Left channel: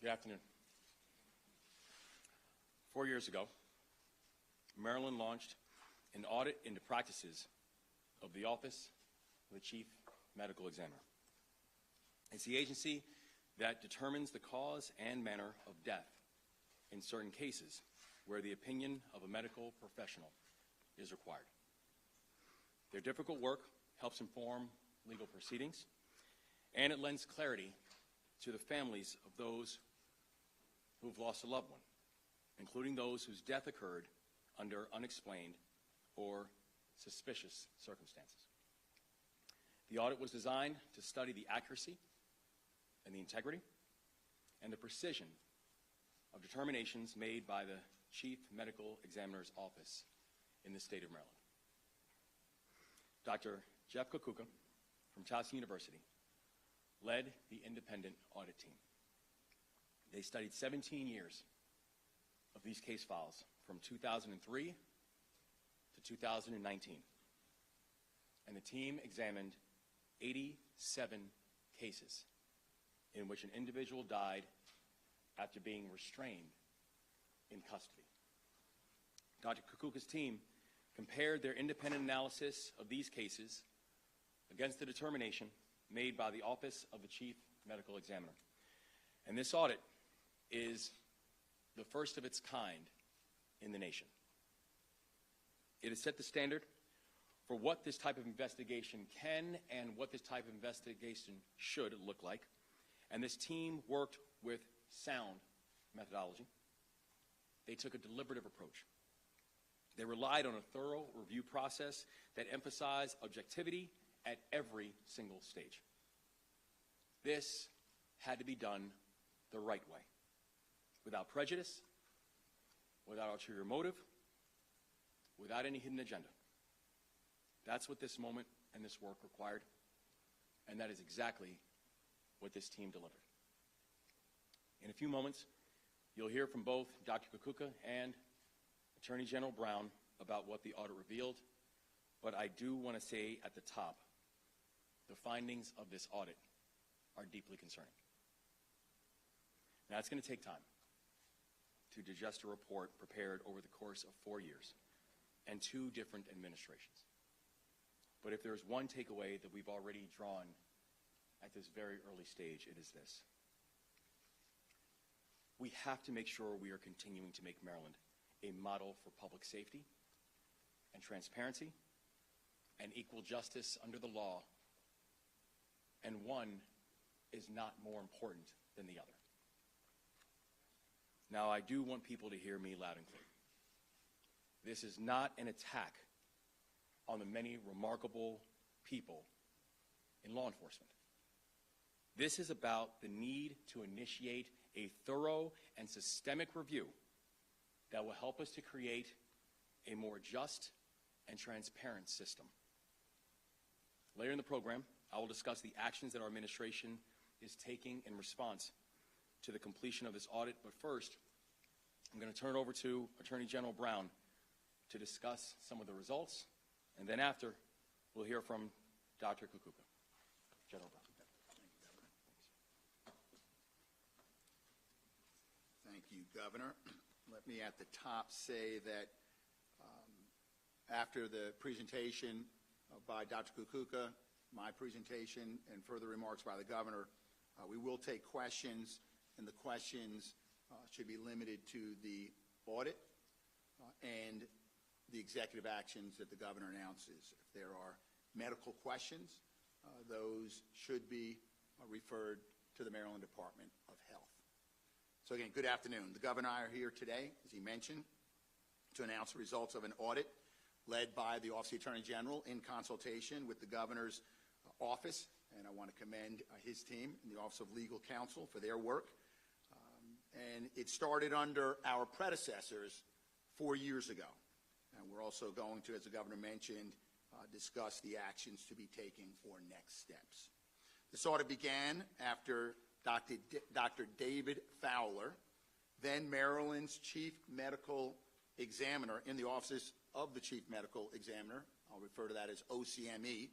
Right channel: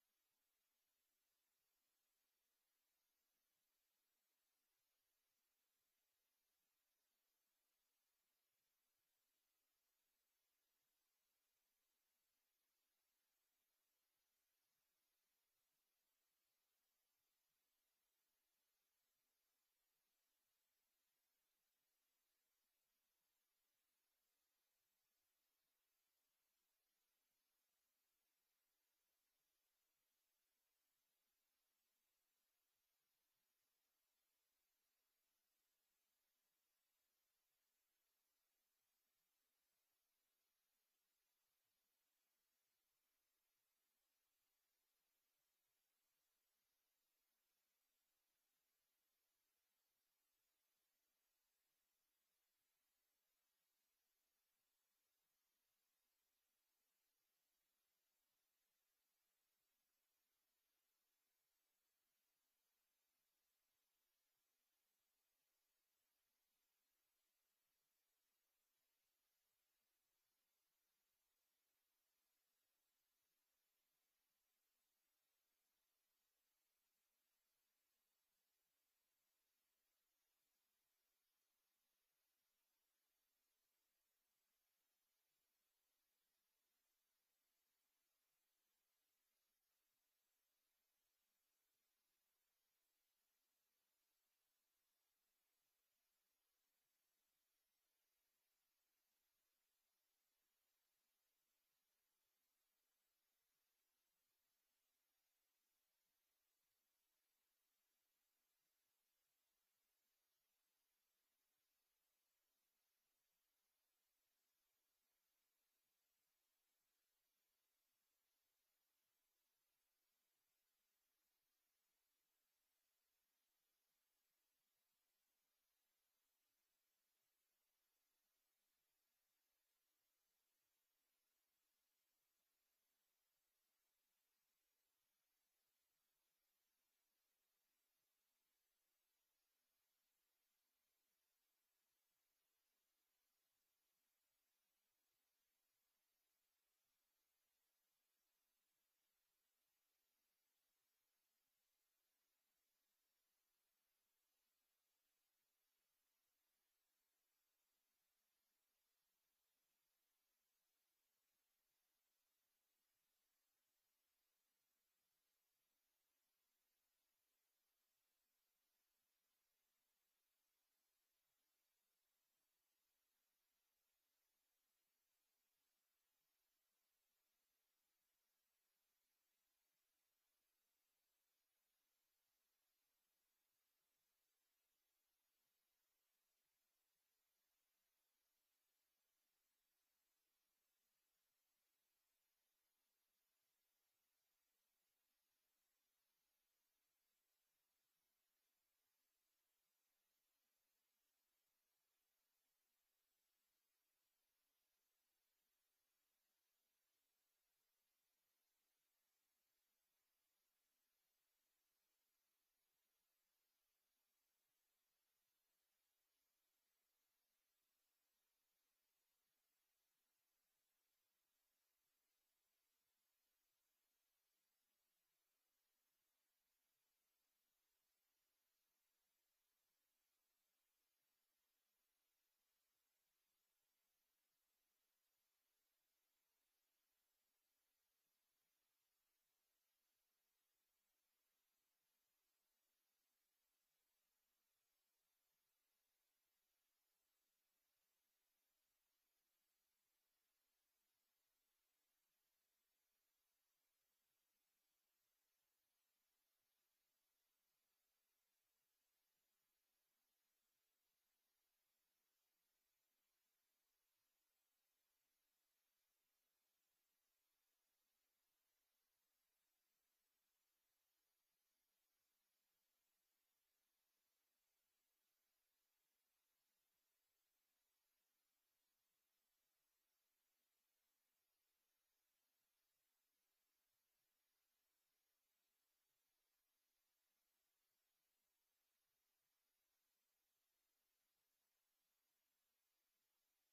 Good afternoon. 4 years ago, Maryland launched an audit into practices of the Office of the Chief Medical Examiner. It's the agency that determines the cause and manner of death in certain cases where the opinion of a medical professional is required. Their difficult work helps inform legal proceedings, and it lends clarity to the families of those who have lost a loved one, including those whose death occurred under unexplained or suspicious circumstances. The audit was designed to study the accuracy and the integrity and the precision of determinations made by the Chief Medical Examiner's Office in the state of Maryland. Dr. Jeff Kukuka from Towson University led the independent audit team. They studied 17 years of these case files from 2003 to 2019. And the team examined 87 cases in which an individual died after being restrained in custody. Dr. Kukuka's team compared their independent analysis of these cases against the determination made by the Office of the Chief Medical Examiner. And this audit is the first of its kind in the nation. It has set the standard for what this type of investigation can and what this type of investigation should look like. And this team worked with sound methodology. They took a deliberative approach. They relied on a thorough review process that emphasized objectivity at every single stage. This had to be done the right way, without prejudice, without ulterior motive, without any hidden agenda. That's what this moment and this work required, and that is exactly what this team delivered. In a few moments, you'll hear from both Dr. Kukuka and Attorney General Brown about what the audit revealed, but I do want to say at the top, the findings of this audit are deeply concerning. Now, it's going to take time to digest a report prepared over the course of 4 years and 2 different administrations. But if there's one takeaway that we've already drawn at this very early stage, it is this. We have to make sure we are continuing to make Maryland a model for public safety and transparency and equal justice under the law, and one is not more important than the other. Now, I do want people to hear me loud and clear. This is not an attack on the many remarkable people in law enforcement. This is about the need to initiate a thorough and systemic review that will help us to create a more just and transparent system. Later in the program, I will discuss the actions that our administration is taking in response to the completion of this audit. But first, I'm going to turn it over to Attorney General Brown to discuss some of the results. And then after, we'll hear from Dr. Kukuka. General Brown. Thank you, Governor. Let me at the top say that after the presentation by Dr. Kukuka, my presentation, and further remarks by the Governor, we will take questions, and the questions should be limited to the audit and the executive actions that the Governor announces. If there are medical questions, those should be referred to the Maryland Department of Health. So again, good afternoon. The Governor and I are here today, as he mentioned, to announce the results of an audit led by the Office of the Attorney General in consultation with the Governor's office, and I want to commend his team and the Office of Legal Counsel for their work. And it started under our predecessors 4 years ago. And we're also going to, as the Governor mentioned, discuss the actions to be taken for next steps. This audit began after Dr. David Fowler, then Maryland's Chief Medical Examiner in the Office of the Chief Medical Examiner, I'll refer to that as OCME,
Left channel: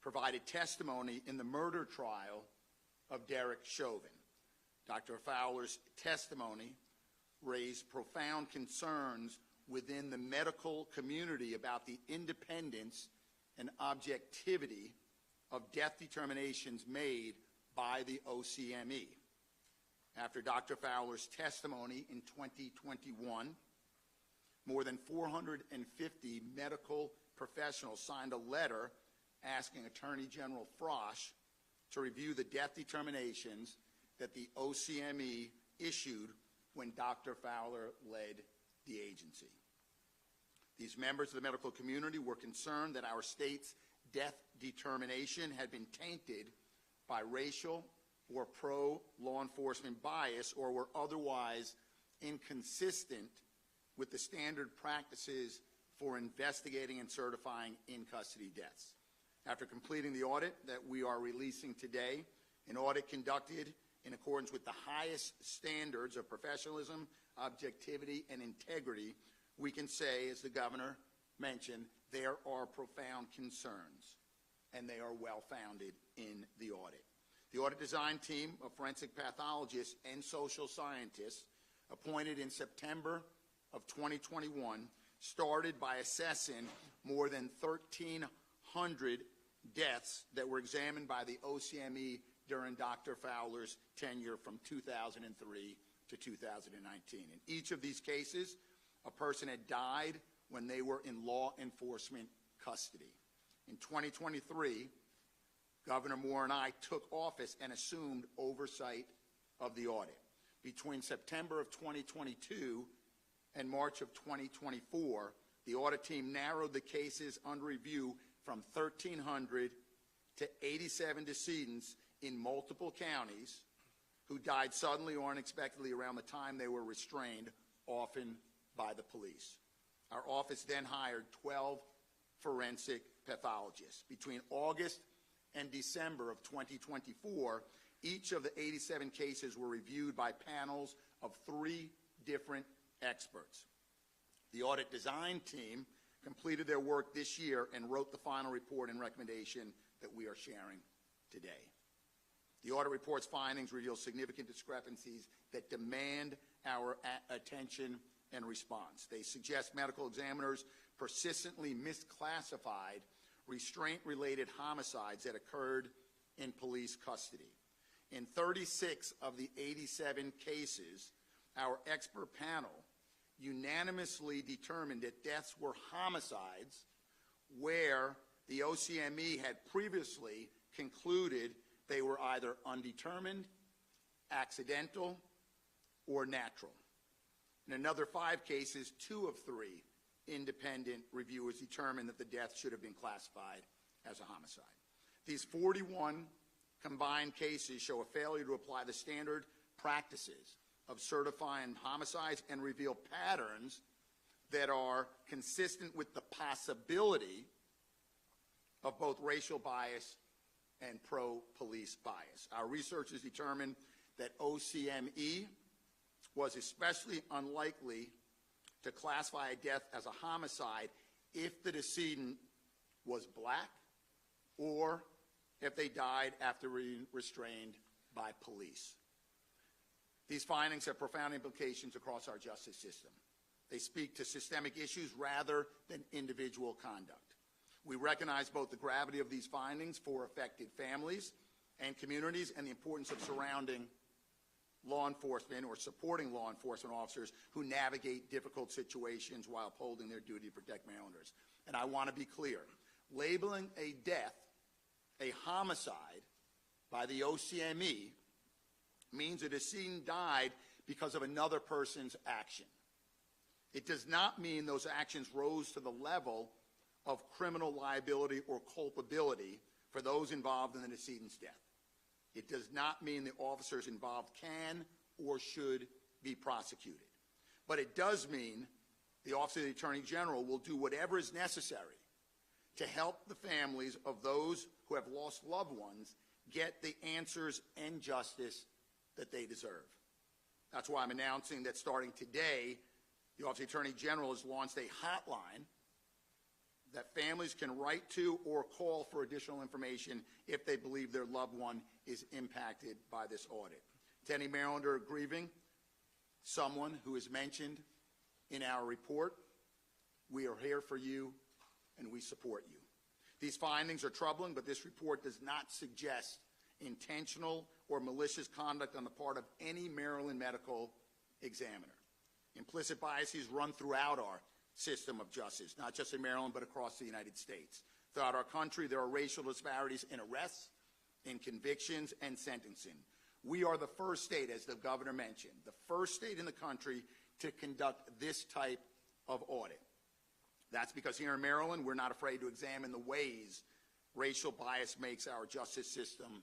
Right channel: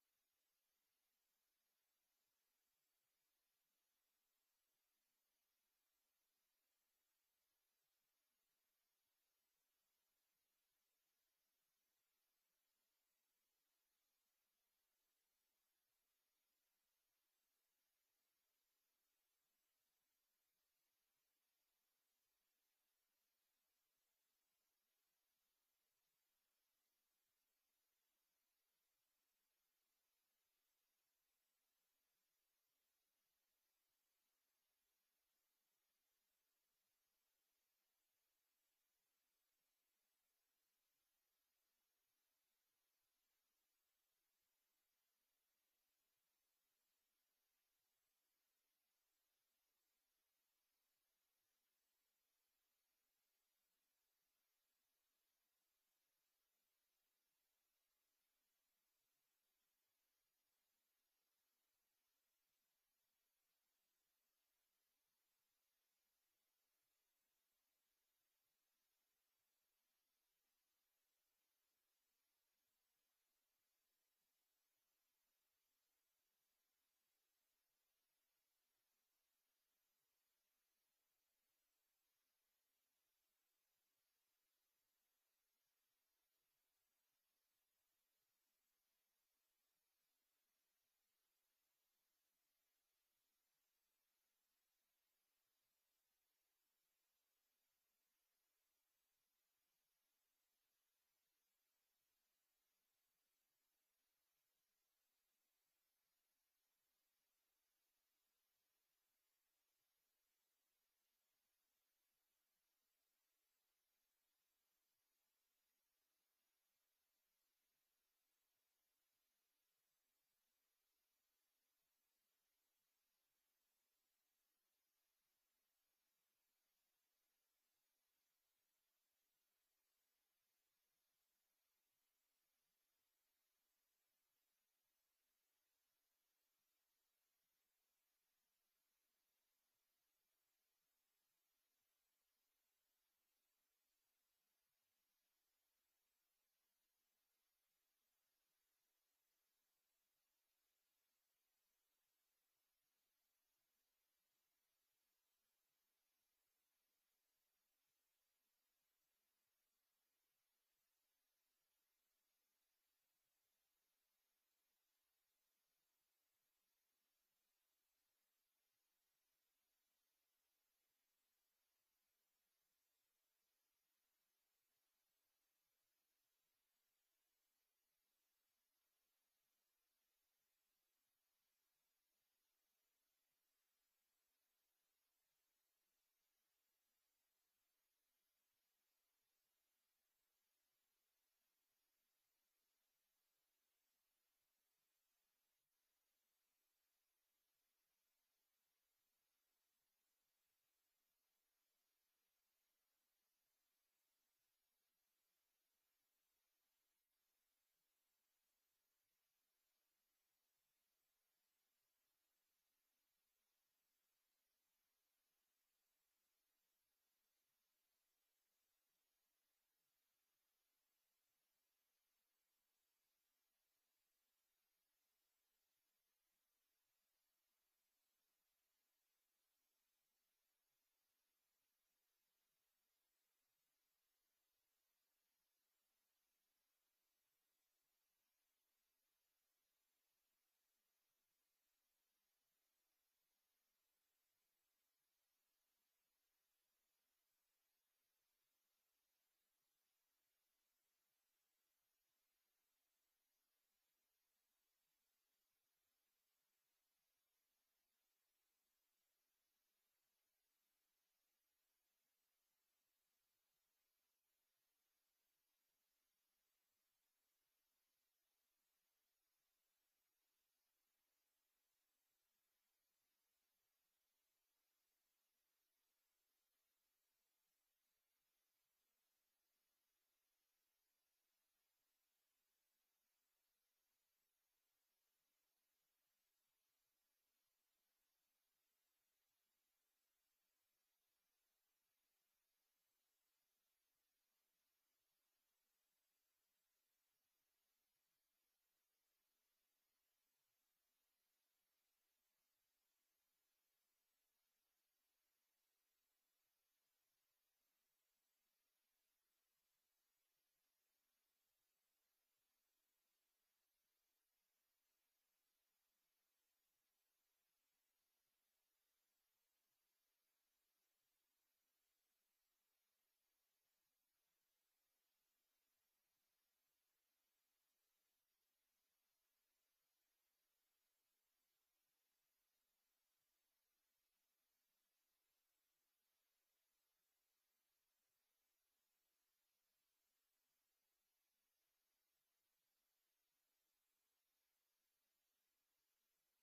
provided testimony in the murder trial of Derek Chauvin. Dr. Fowler's testimony raised profound concerns within the medical community about the independence and objectivity of death determinations made by the OCME. After Dr. Fowler's testimony in 2021, more than 450 medical professionals signed a letter asking Attorney General Frosch to review the death determinations that the OCME issued when Dr. Fowler led the agency. These members of the medical community were concerned that our state's death determination had been tainted by racial or pro-law enforcement bias or were otherwise inconsistent with the standard practices for investigating and certifying in-custody deaths. After completing the audit that we are releasing today, an audit conducted in accordance with the highest standards of professionalism, objectivity, and integrity, we can say, as the governor mentioned, there are profound concerns, and they are well-founded in the audit. The audit design team of forensic pathologists and social scientists appointed in September of 2021 started by assessing more than 1,300 deaths that were examined by the OCME during Dr. Fowler's tenure from 2003 to 2019. In each of these cases, a person had died when they were in law enforcement custody. In 2023, Governor Moore and I took office and assumed oversight of the audit. Between September of 2022 and March of 2024, the audit team narrowed the cases under review from 1,300 to 87 decedents in multiple counties who died suddenly or unexpectedly around the time they were restrained, often by the police. Our office then hired 12 forensic pathologists. Between August and December of 2024, each of the 87 cases were reviewed by panels of 3 different experts. The audit design team completed their work this year and wrote the final report and recommendation that we are sharing today. The audit report's findings reveal significant discrepancies that demand our attention and response. They suggest medical examiners persistently misclassified restraint-related homicides that occurred in police custody. In 36 of the 87 cases, our expert panel unanimously determined that deaths were homicides where the OCME had previously concluded they were either undetermined, accidental, or natural. In another 5 cases, 2 of 3 independent reviewers determined that the death should have been classified as a homicide. These 41 combined cases show a failure to apply the standard practices of certifying homicides and reveal patterns that are consistent with the possibility of both racial bias and pro-police bias. Our researchers determined that OCME was especially unlikely to classify a death as a homicide if the decedent was black or if they died after being restrained by police. These findings have profound implications across our justice system. They speak to systemic issues rather than individual conduct. We recognize both the gravity of these findings for affected families and communities and the importance of surrounding law enforcement or supporting law enforcement officers who navigate difficult situations while upholding their duty to protect mail-owners. And I want to be clear, labeling a death a homicide by the OCME means a decedent died because of another person's action. It does not mean those actions rose to the level of criminal liability or culpability for those involved in the decedent's death. It does not mean the officers involved can or should be prosecuted. But it does mean the Office of the Attorney General will do whatever is necessary to help the families of those who have lost loved ones get the answers and justice that they deserve. That's why I'm announcing that starting today, the Office of the Attorney General has launched a hotline that families can write to or call for additional information if they believe their loved one is impacted by this audit. To any Marylander grieving someone who is mentioned in our report, we are here for you and we support you. These findings are troubling, but this report does not suggest intentional or malicious conduct on the part of any Maryland medical examiner. Implicit biases run throughout our system of justice, not just in Maryland, but across the United States. Throughout our country, there are racial disparities in arrests, in convictions, and sentencing. We are the first state, as the governor mentioned, the first state in the country to conduct this type of audit. That's because here in Maryland, we're not afraid to examine the ways racial bias makes our justice system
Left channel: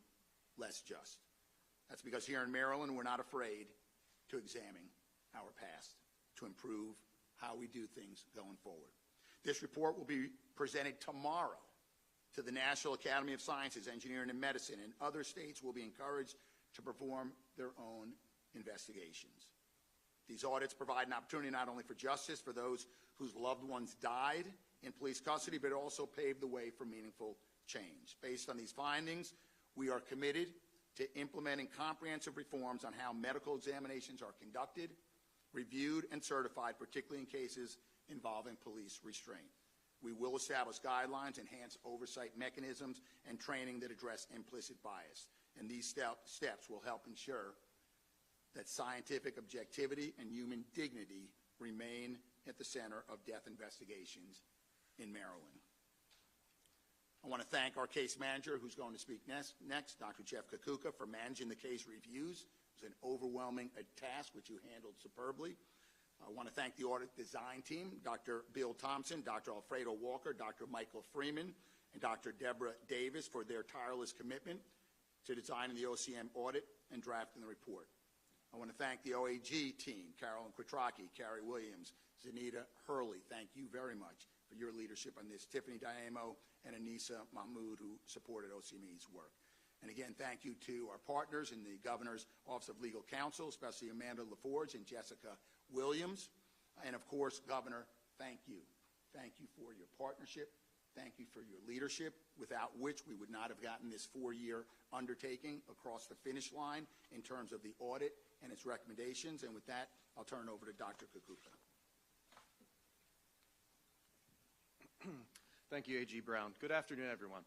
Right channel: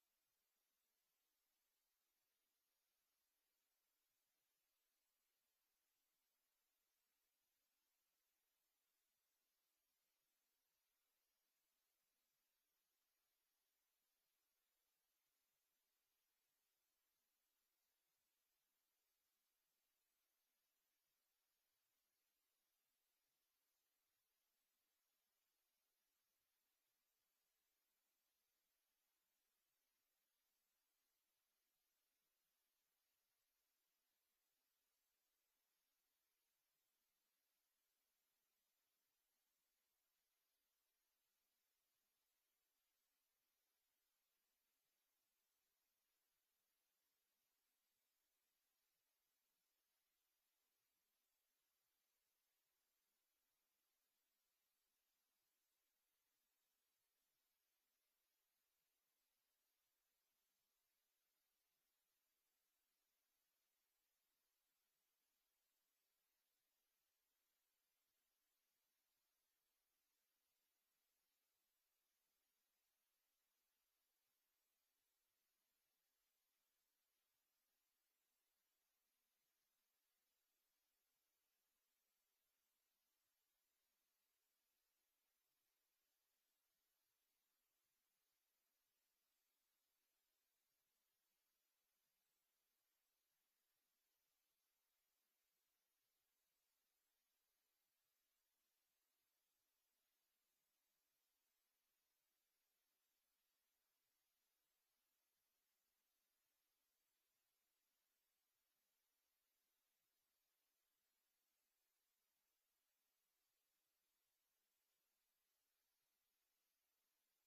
less just. That's because here in Maryland, we're not afraid to examine our past, to improve how we do things going forward. This report will be presented tomorrow to the National Academy of Sciences, Engineering, and Medicine, and other states will be encouraged to perform their own investigations. These audits provide an opportunity not only for justice for those whose loved ones died in police custody, but also pave the way for meaningful change. Based on these findings, we are committed to implementing comprehensive reforms on how medical examinations are conducted, reviewed, and certified, particularly in cases involving police restraint. We will establish guidelines, enhance oversight mechanisms, and training that address implicit bias. And these steps will help ensure that scientific objectivity and human dignity remain at the center of death investigations in Maryland. I want to thank our case manager, who's going to speak next, Dr. Jeff Kakuka, for managing the case reviews. It was an overwhelming task, which you handled superbly. I want to thank the audit design team, Dr. Bill Thompson, Dr. Alfredo Walker, Dr. Michael Freeman, and Dr. Deborah Davis for their tireless commitment to designing the OCM audit and drafting the report. I want to thank the OAG team, Carolyn Quattrocchi, Carrie Williams, Zanita Hurley. Thank you very much for your leadership on this. Tiffany Diamo and Anissa Mahmood, who supported OCME's work. And again, thank you to our partners in the Governor's Office of Legal Counsel, especially Amanda LaForge and Jessica Williams. And of course, Governor, thank you. Thank you for your partnership. Thank you for your leadership, without which we would not have gotten this 4-year undertaking across the finish line in terms of the audit and its recommendations. And with that, I'll turn it over to Dr. Kakuka. Thank you, A.G. Brown. Good afternoon, everyone.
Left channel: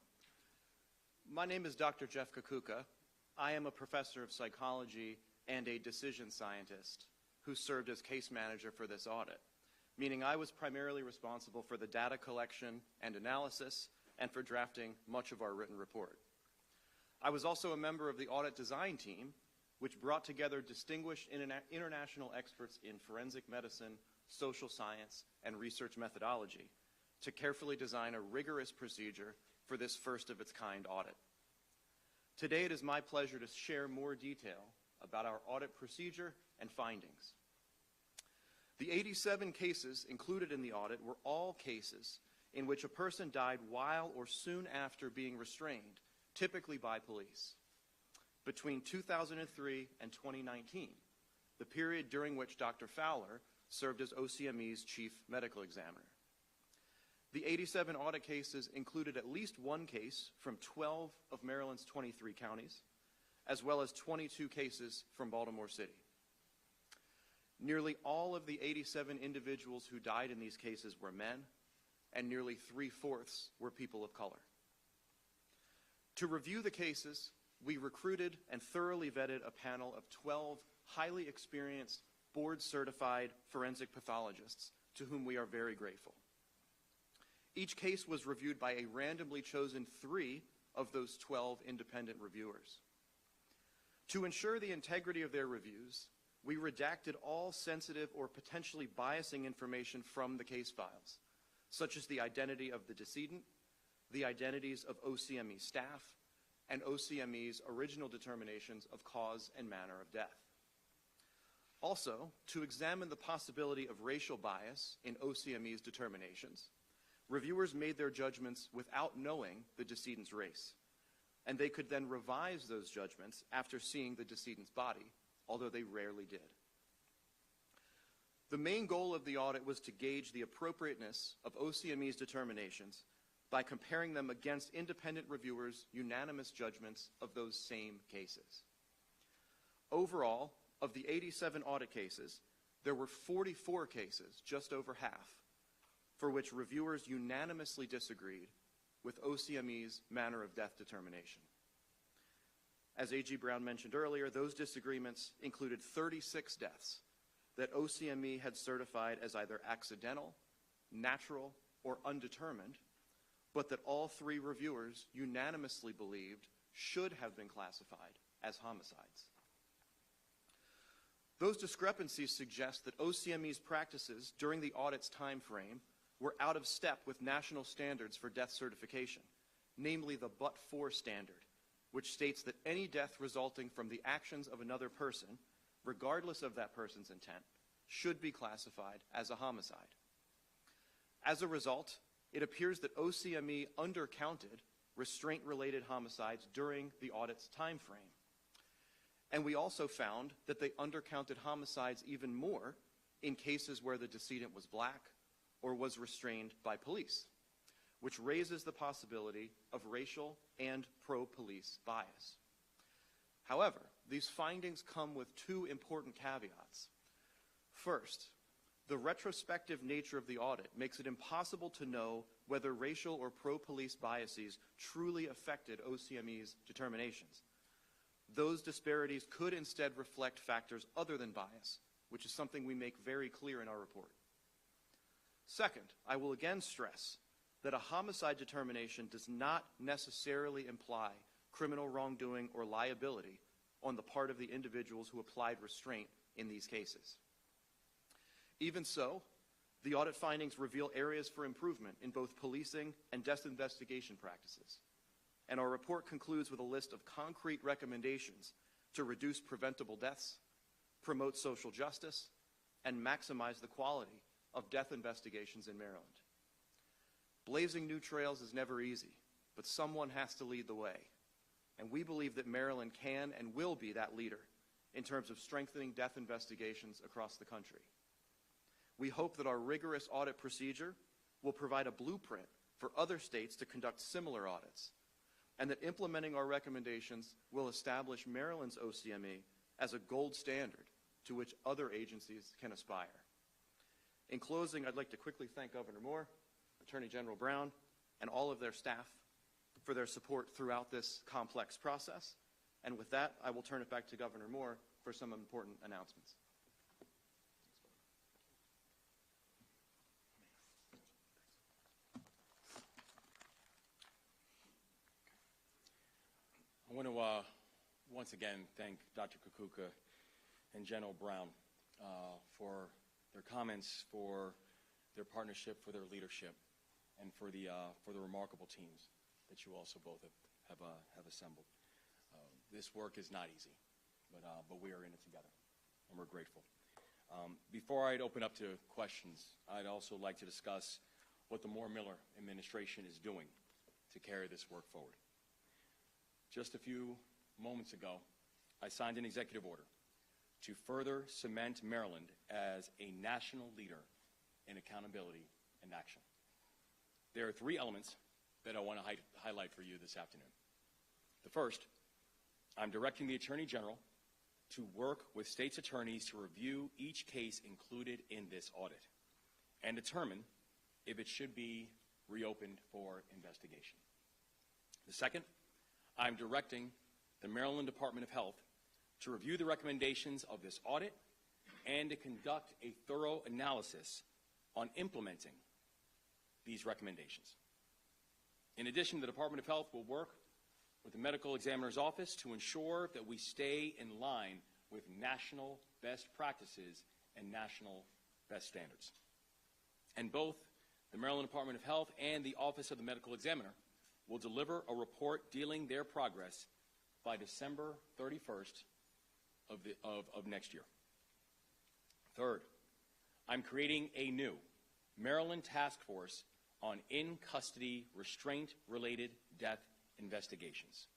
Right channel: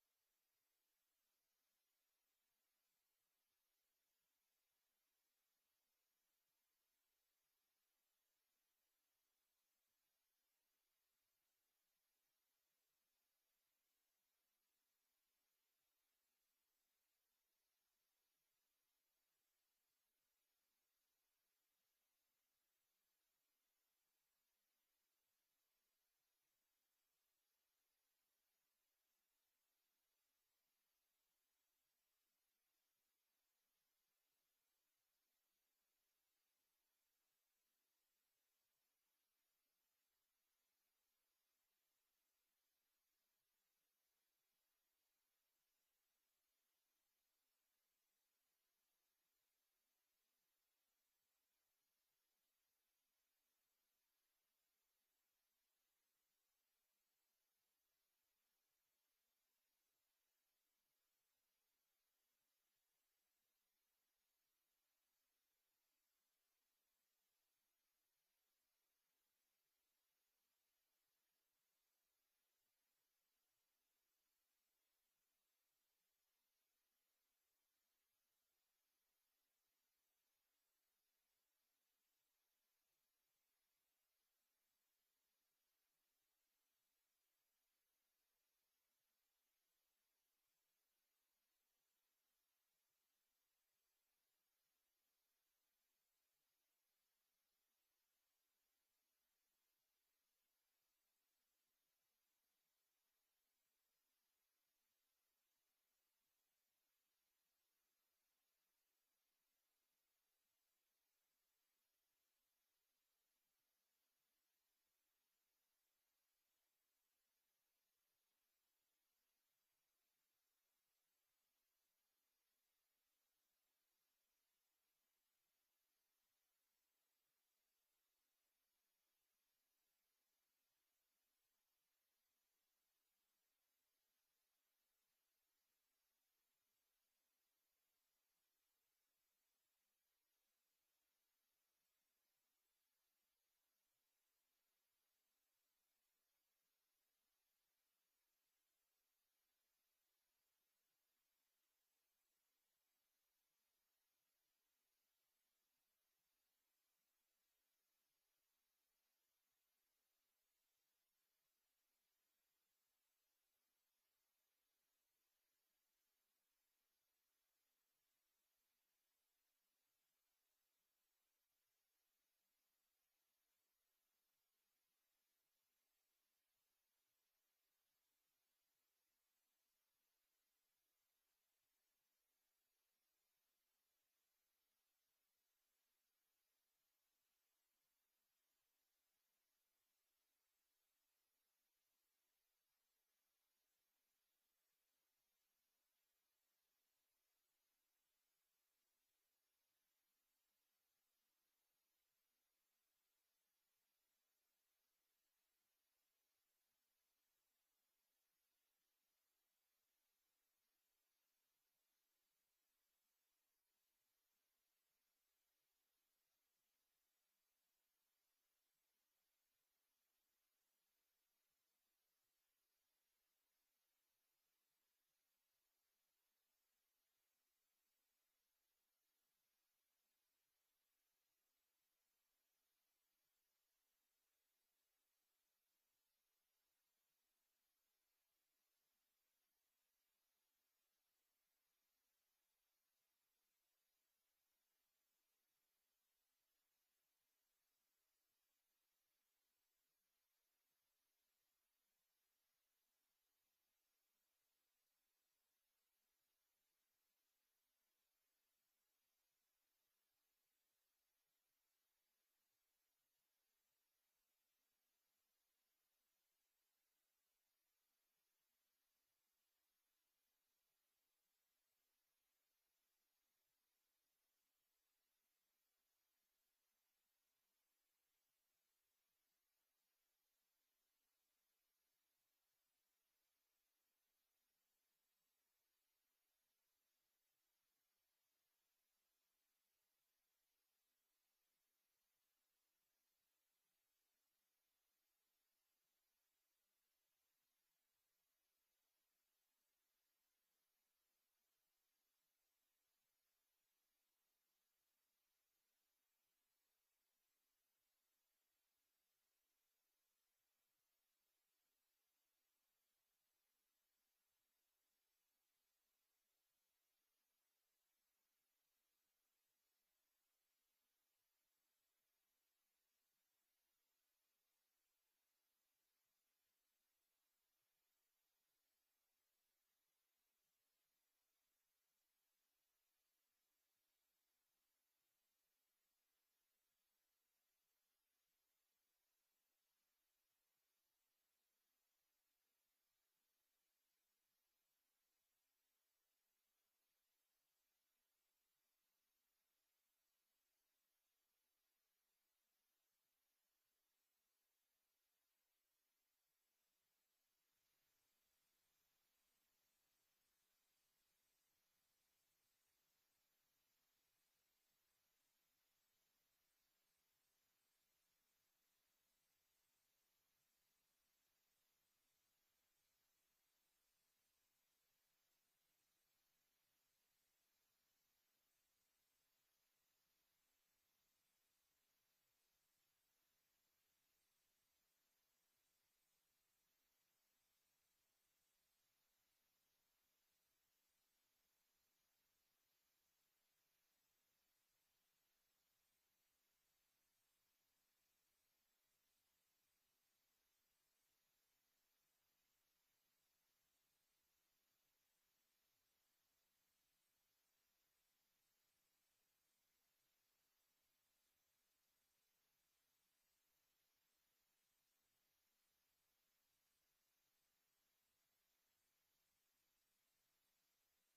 My name is Dr. Jeff Kakuka. I am a professor of psychology and a decision scientist who served as case manager for this audit, meaning I was primarily responsible for the data collection and analysis and for drafting much of our written report. I was also a member of the audit design team, which brought together distinguished international experts in forensic medicine, social science, and research methodology to carefully design a rigorous procedure for this first-of-its-kind audit. Today, it is my pleasure to share more detail about our audit procedure and findings. The 87 cases included in the audit were all cases in which a person died while or soon after being restrained, typically by police. Between 2003 and 2019, the period during which Dr. Fowler served as OCME's chief medical examiner. The 87 audit cases included at least one case from 12 of Maryland's 23 counties, as well as 22 cases from Baltimore City. Nearly all of the 87 individuals who died in these cases were men, and nearly 3/4 were people of color. To review the cases, we recruited and thoroughly vetted a panel of 12 highly experienced, board-certified forensic pathologists, to whom we are very grateful. Each case was reviewed by a randomly chosen 3 of those 12 independent reviewers. To ensure the integrity of their reviews, we redacted all sensitive or potentially biasing information from the case files, such as the identity of the decedent, the identities of OCME staff, and OCME's original determinations of cause and manner of death. Also, to examine the possibility of racial bias in OCME's determinations, reviewers made their judgments without knowing the decedent's race, and they could then revise those judgments after seeing the decedent's body, although they rarely did. The main goal of the audit was to gauge the appropriateness of OCME's determinations by comparing them against independent reviewers' unanimous judgments of those same cases. Overall, of the 87 audit cases, there were 44 cases, just over half, for which reviewers unanimously disagreed with OCME's manner of death determination. As A.G. Brown mentioned earlier, those disagreements included 36 deaths that OCME had certified as either accidental, natural, or undetermined, but that all three reviewers unanimously believed should have been classified as homicides. Those discrepancies suggest that OCME's practices during the audit's time frame were out of step with national standards for death certification, namely the but-for standard, which states that any death resulting from the actions of another person, regardless of that person's intent, should be classified as a homicide. As a result, it appears that OCME undercounted restraint-related homicides during the audit's time frame. And we also found that they undercounted homicides even more in cases where the decedent was black or was restrained by police, which raises the possibility of racial and pro-police bias. However, these findings come with two important caveats. First, the retrospective nature of the audit makes it impossible to know whether racial or pro-police biases truly affected OCME's determinations. Those disparities could instead reflect factors other than bias, which is something we make very clear in our report. Second, I will again stress that a homicide determination does not necessarily imply criminal wrongdoing or liability on the part of the individuals who applied restraint in these cases. Even so, the audit findings reveal areas for improvement in both policing and death investigation practices. And our report concludes with a list of concrete recommendations to reduce preventable deaths, promote social justice, and maximize the quality of death investigations in Maryland. Blazing new trails is never easy, but someone has to lead the way. And we believe that Maryland can and will be that leader in terms of strengthening death investigations across the country. We hope that our rigorous audit procedure will provide a blueprint for other states to conduct similar audits, and that implementing our recommendations will establish Maryland's OCME as a gold standard to which other agencies can aspire. In closing, I'd like to quickly thank Governor Moore, Attorney General Brown, and all of their staff for their support throughout this complex process. And with that, I will turn it back to Governor Moore for some important announcements. I want to once again thank Dr. Kukuka and General Brown for their comments, for their partnership, for their leadership, and for the remarkable teams that you also both have assembled. This work is not easy, but we are in it together, and we're grateful. Before I'd open up to questions, I'd also like to discuss what the Moore-Miller administration is doing to carry this work forward. Just a few moments ago, I signed an executive order to further cement Maryland as a national leader in accountability and action. There are three elements that I want to highlight for you this afternoon. The first, I'm directing the Attorney General to work with states' attorneys to review each case included in this audit and determine if it should be reopened for investigation. The second, I'm directing the Maryland Department of Health to review the recommendations of this audit and to conduct a thorough analysis on implementing these recommendations. In addition, the Department of Health will work with the Medical Examiner's Office to ensure that we stay in line with national best practices and national best standards. And both the Maryland Department of Health and the Office of the Medical Examiner will deliver a report dealing their progress by December 31st of next year. Third, I'm creating a new Maryland Task Force on in-custody restraint-related death investigations.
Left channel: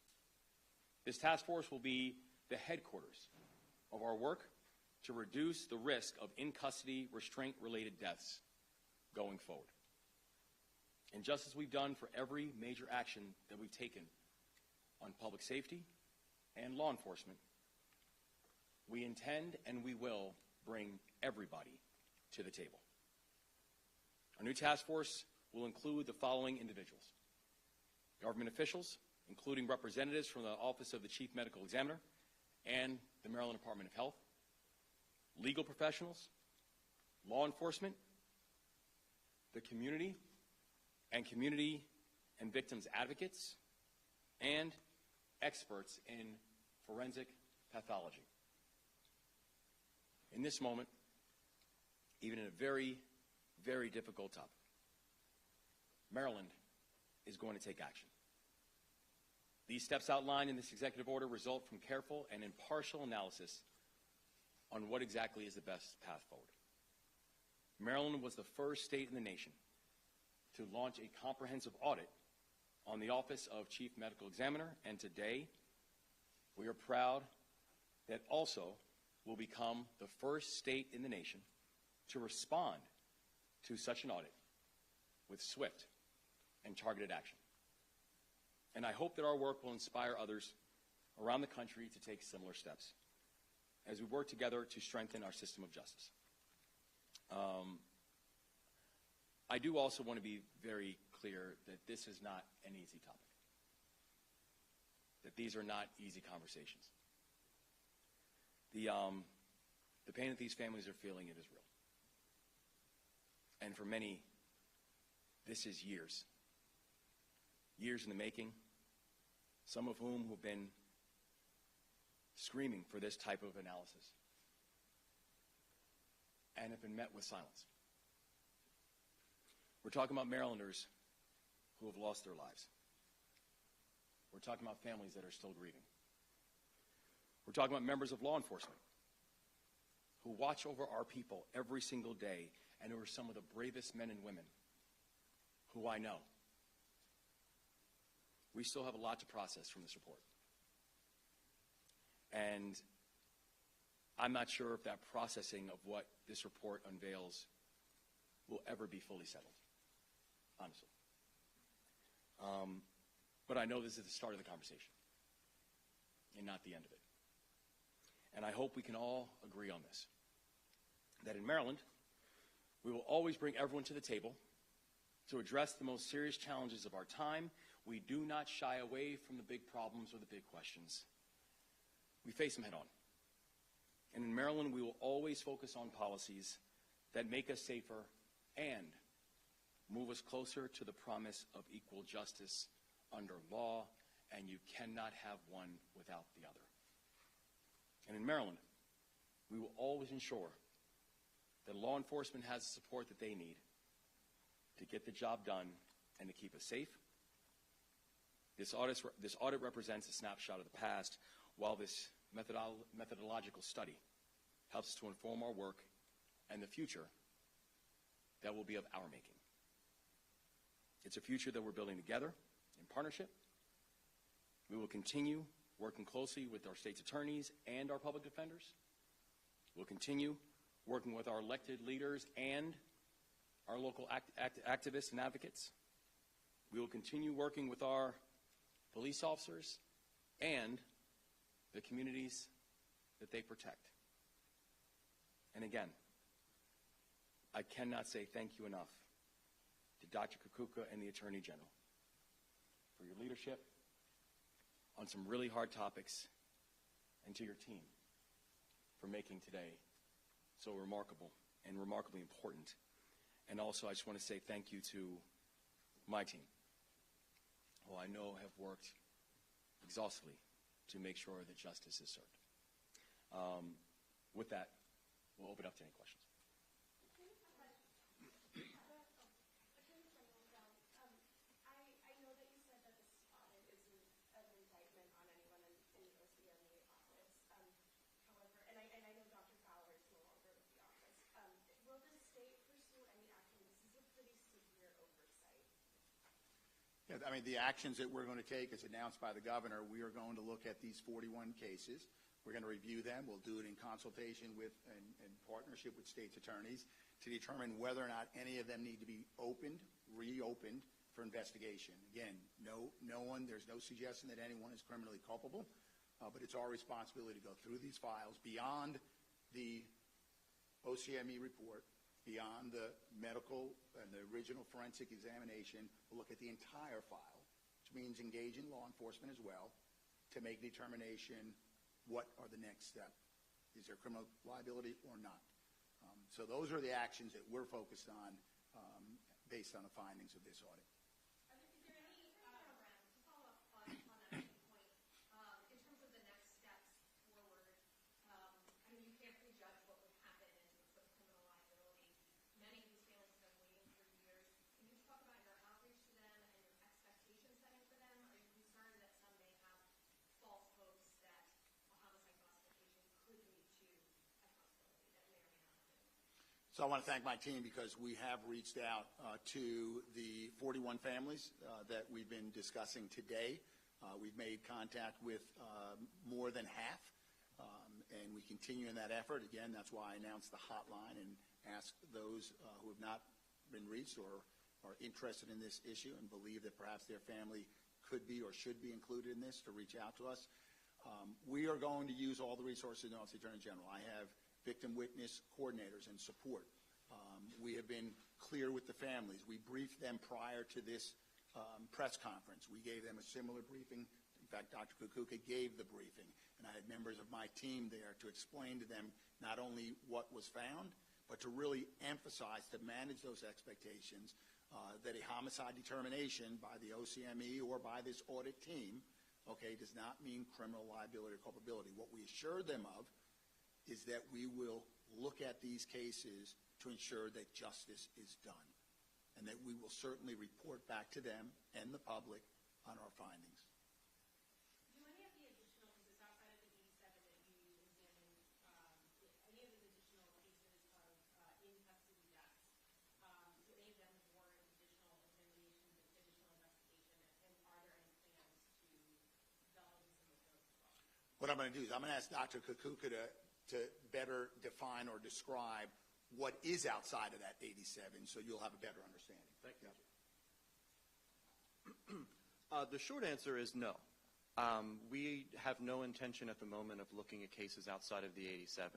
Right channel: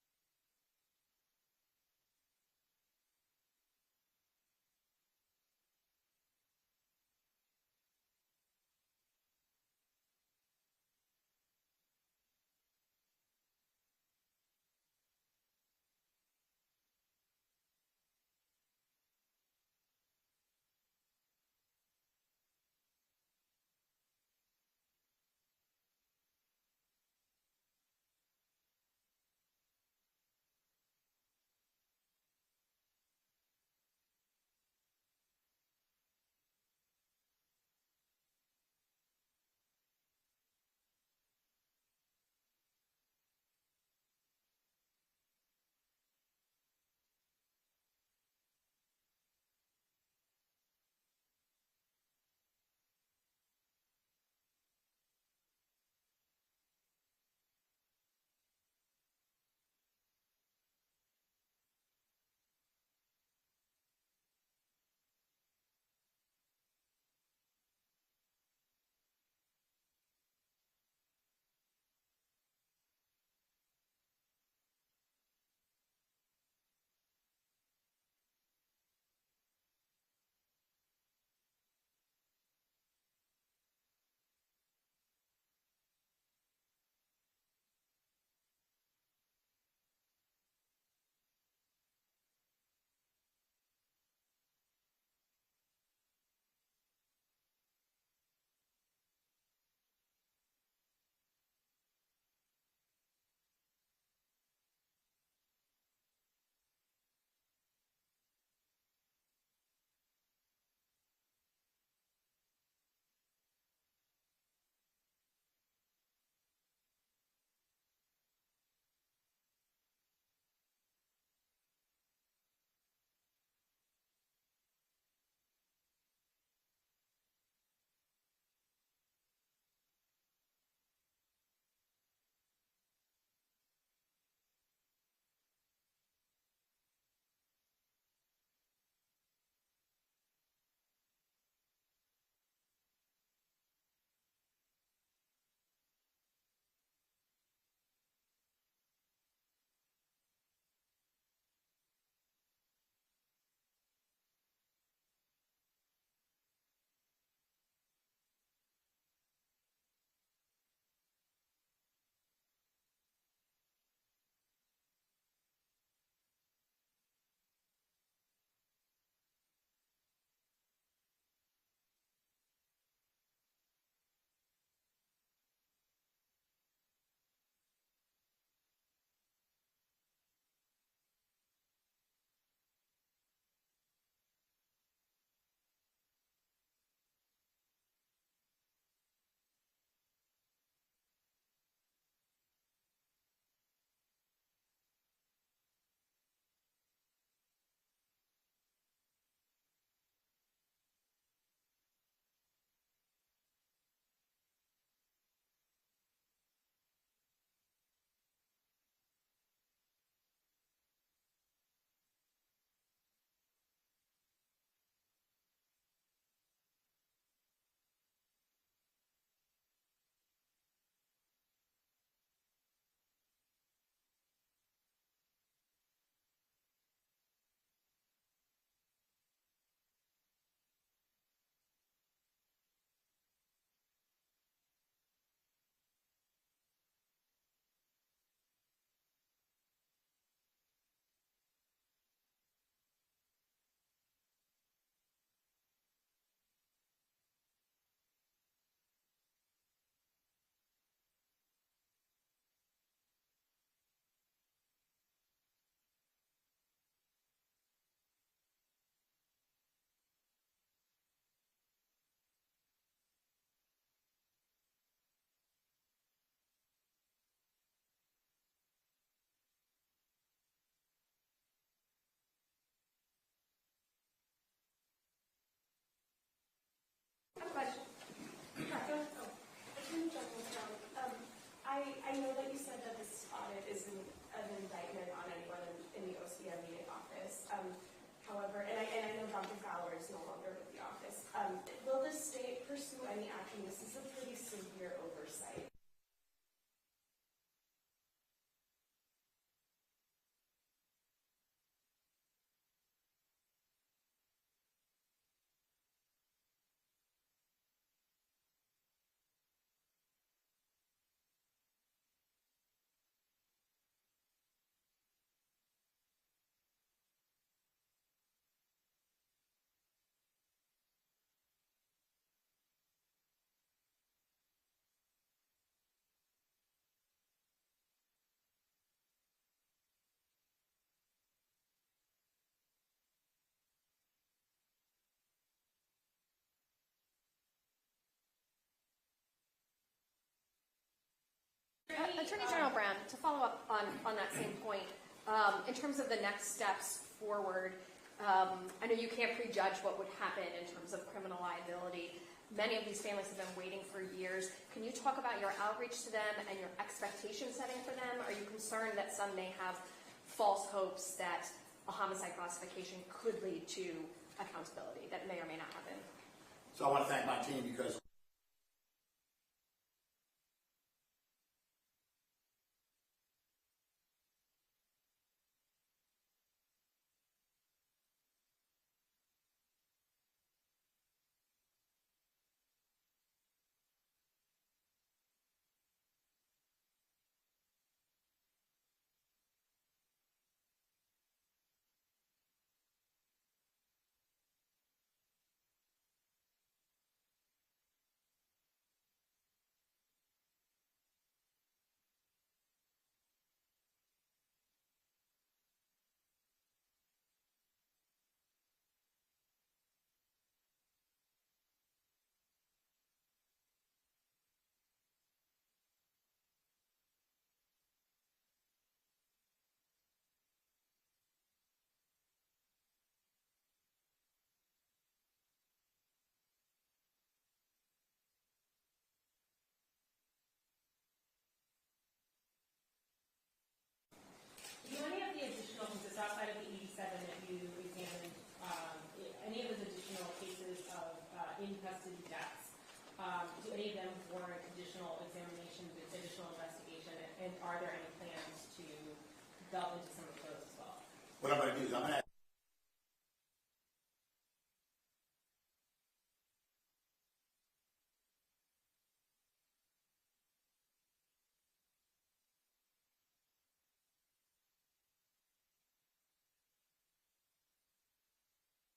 This task force will be the headquarters of our work to reduce the risk of in-custody restraint-related deaths going forward. And just as we've done for every major action that we've taken on public safety and law enforcement, we intend and we will bring everybody to the table. Our new task force will include the following individuals: government officials, including representatives from the Office of the Chief Medical Examiner and the Maryland Department of Health, legal professionals, law enforcement, the community and victims advocates, and experts in forensic pathology. In this moment, even in a very, very difficult topic, Maryland is going to take action. These steps outlined in this executive order result from careful and impartial analysis on what exactly is the best path forward. Maryland was the first state in the nation to launch a comprehensive audit on the Office of Chief Medical Examiner, and today we are proud that also will become the first state in the nation to respond to such an audit with swift and targeted action. And I hope that our work will inspire others around the country to take similar steps as we work together to strengthen our system of justice. I do also want to be very clear that this is not an easy topic, that these are not easy conversations. The pain that these families are feeling, it is real. And for many, this is years in the making, some of whom have been screaming for this type of analysis and have been met with silence. We're talking about Marylanders who have lost their lives. We're talking about families that are still grieving. We're talking about members of law enforcement who watch over our people every single day and who are some of the bravest men and women who I know. We still have a lot to process from this report. And I'm not sure if that processing of what this report unveils will ever be fully settled, honestly. But I know this is the start of the conversation and not the end of it. And I hope we can all agree on this, that in Maryland, we will always bring everyone to the table to address the most serious challenges of our time. We do not shy away from the big problems or the big questions. We face them head on. And in Maryland, we will always focus on policies that make us safer and move us closer to the promise of equal justice under law, and you cannot have one without the other. And in Maryland, we will always ensure that law enforcement has the support that they need to get the job done and to keep us safe. This audit represents a snapshot of the past, while this methodological study helps to inform our work and the future that will be of our making. It's a future that we're building together in partnership. We will continue working closely with our state's attorneys and our public defenders. We'll continue working with our elected leaders and our local activists and advocates. We will continue working with our police officers and the communities that they protect. And again, I cannot say thank you enough to Dr. Kukuka and the Attorney General for your leadership on some really hard topics, and to your team for making today so remarkable and remarkably important. And also, I just want to say thank you to my team, who I know have worked exhaustively to make sure that justice is served. With that, we'll open up to any questions. I have a question. Attorney General Brown, I know that you said that this audit isn't an indictment on anyone in the OCME office. However, and I know Dr. Fowler is no longer with the office. Will the state pursue any action? This is a pretty severe oversight. Yeah, I mean, the actions that we're going to take, as announced by the governor, we are going to look at these 41 cases. We're going to review them. We'll do it in consultation with and partnership with state's attorneys to determine whether or not any of them need to be reopened for investigation. Again, there's no suggestion that anyone is criminally culpable. but it's our responsibility to go through these files beyond the OCME report, beyond the medical and the original forensic examination. We'll look at the entire file, which means engaging law enforcement as well, to make determination what are the next steps. Is there criminal liability or not? So those are the actions that we're focused on based on the findings of this audit. Attorney General Brown, to follow up on that same point, in terms of the next steps forward, I know you can't prejudge what would happen in terms of criminal liability. Many of these families have been waiting for years. Can you talk about your outreach to them and your expectation setting for them? Are you concerned that some may have false hopes that a homicide classification could lead to accountability that may or may not happen? So I want to thank my team because we have reached out to the 41 families that we've been discussing today. We've made contact with more than half, and we continue in that effort. Again, that's why I announced the hotline and asked those who have not been reached or are interested in this issue and believe that perhaps their family could be or should be included in this to reach out to us. We are going to use all the resources in the Office of the Attorney General. I have victim witness coordinators and support. We have been clear with the families. We briefed them prior to this press conference. We gave them a similar briefing. In fact, Dr. Kukuka gave the briefing, and I had members of my team there to explain to them not only what was found, but to really emphasize, to manage those expectations, that a homicide determination by the OCME or by this audit team, does not mean criminal liability or culpability. What we assured them of is that we will look at these cases to ensure that justice is done, and that we will certainly report back to them and the public on our findings. Do any of the additional cases outside of the 87 that you examined, any of those additional cases of in-custody deaths, do any of them warrant additional examination, additional investigation, and are there any plans to delve into some of those as well? What I'm going to do is I'm going to ask Dr. Kukuka to better define or describe what is outside of that 87, so you'll have a better understanding. Thank you. The short answer is no. We have no intention at the moment of looking at cases outside of the 87.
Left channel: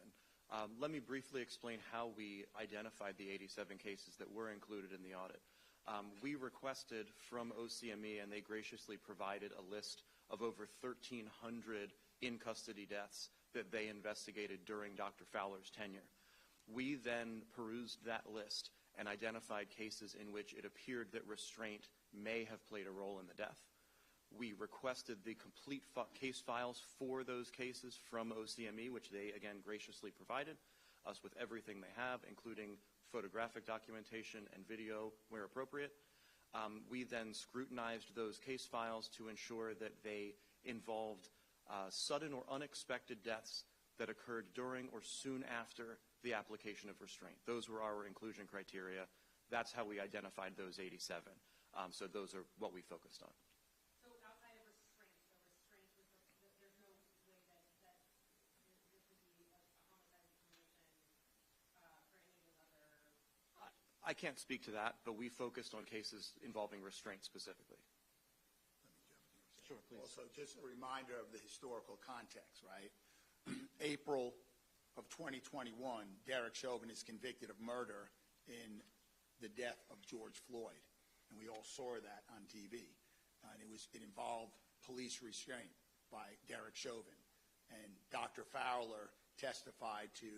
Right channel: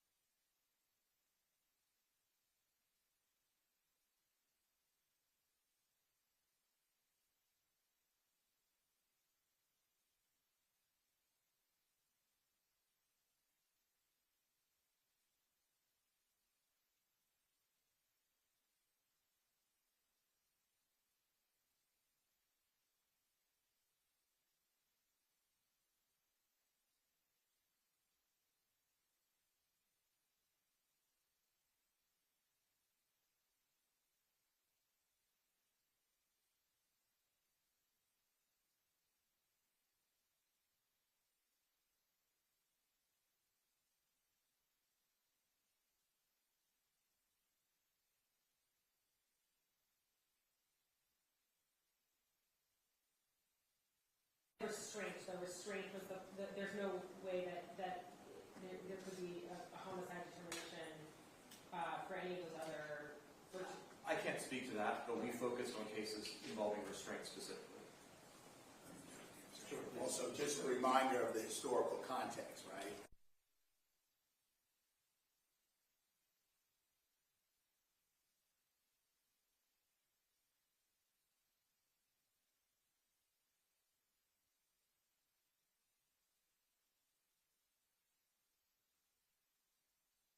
Let me briefly explain how we identified the 87 cases that were included in the audit. We requested from OCME, and they graciously provided a list of over 1,300 in-custody deaths that they investigated during Dr. Fowler's tenure. We then perused that list and identified cases in which it appeared that restraint may have played a role in the death. We requested the complete case files for those cases from OCME, which they, again, graciously provided us with everything they have, including photographic documentation and video where appropriate. We then scrutinized those case files to ensure that they involved sudden or unexpected deaths that occurred during or soon after the application of restraint. Those were our inclusion criteria. That's how we identified those 87. So those are what we focused on. So outside of restraint, was there's no way that there could be a homicide determination for any of those other... I can't speak to that, but we focused on cases involving restraint specifically. Sure. Also, just a reminder of the historical context, right? April of 2021, Derek Chauvin is convicted of murder in the death of George Floyd, and we all saw that on TV. And it involved police restraint by Derek Chauvin, and Dr. Fowler testified to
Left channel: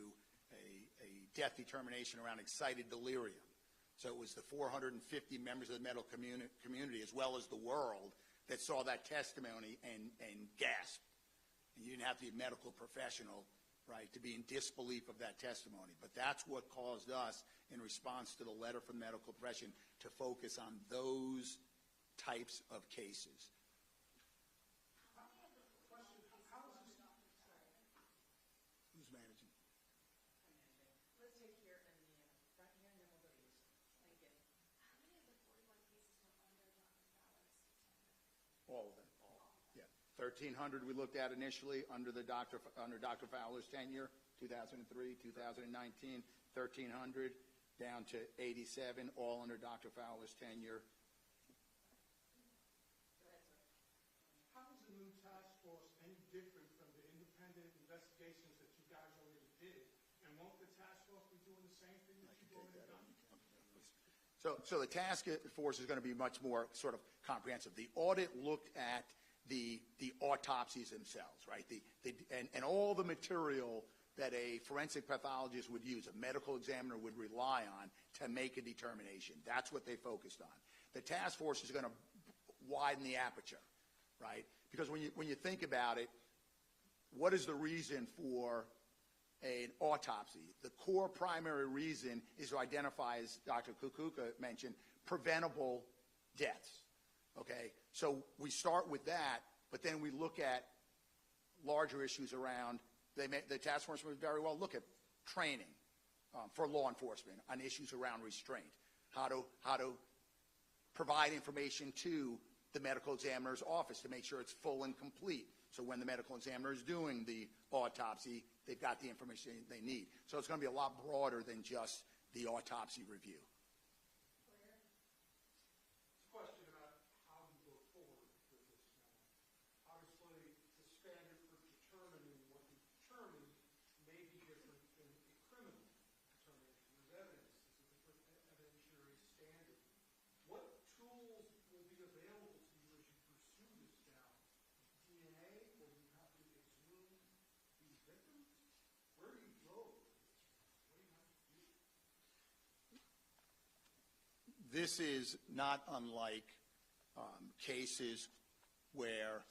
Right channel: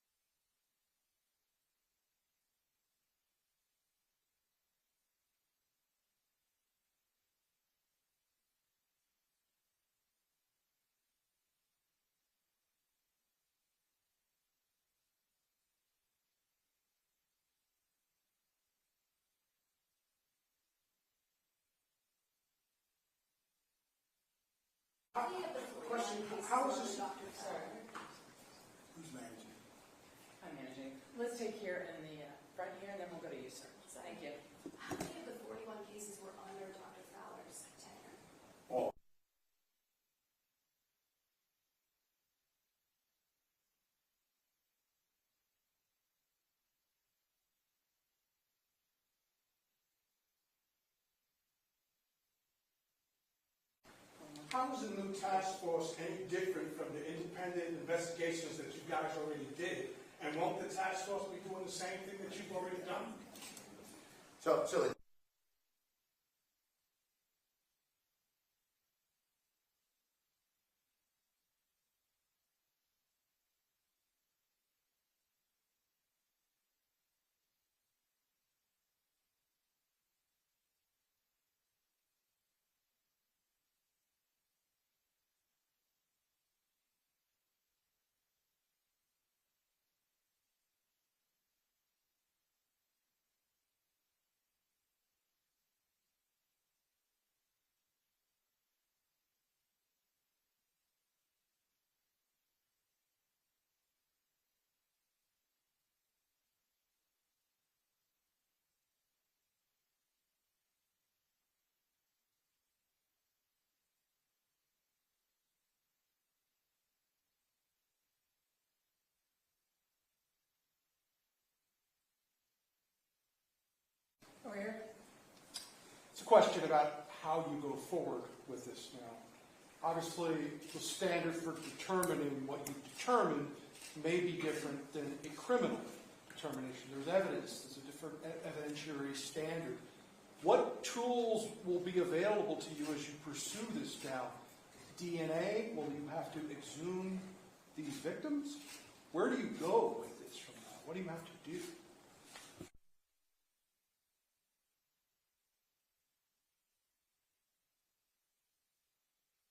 a death determination around excited delirium. So it was the 450 members of the medical community, as well as the world, that saw that testimony and gasped. And you didn't have to be a medical professional, right, to be in disbelief of that testimony. But that's what caused us, in response to the letter from the medical profession, to focus on those types of cases. Question, how is this? Who's managing? I'm managing. Let's take here in the front here, and then we'll go to you, sir. Thank you. How many of the 41 cases were under Dr. Fowler's tenure? All. Yeah, 1,300 we looked at initially under Dr. Fowler's tenure, 2003, 2019, 1,300 down to 87, all under Dr. Fowler's tenure. how is the new task force any different from the independent investigations that you guys already did? And won't the task force be doing the same thing that you've already done? So the task force is going to be much more sort of comprehensive. The audit looked at the autopsies themselves, right? And all the material that a forensic pathologist would use, a medical examiner would rely on to make a determination. That's what they focused on. The task force is going to widen the aperture, right? Because when you think about it, what is the reason for an autopsy? The core primary reason is to identify, as Dr. Kukuka mentioned, preventable deaths, okay? So we start with that, but then we look at larger issues around, the task force would very well look at training for law enforcement on issues around restraint, how to provide information to the medical examiner's office to make sure it's full and complete. So when the medical examiner is doing the autopsy, they've got the information they need. So it's going to be a lot broader than just the autopsy review. Over here. It's a question about how you go forward with this now. Obviously, the standard for determining what you determine may be different than a criminal determination. There's evidence. There's a different evidentiary standard. What tools will be available to you as you pursue this now? DNA? Will you have to exhume these victims? Where do you go with this from now? What do you have to do? This is not unlike cases where,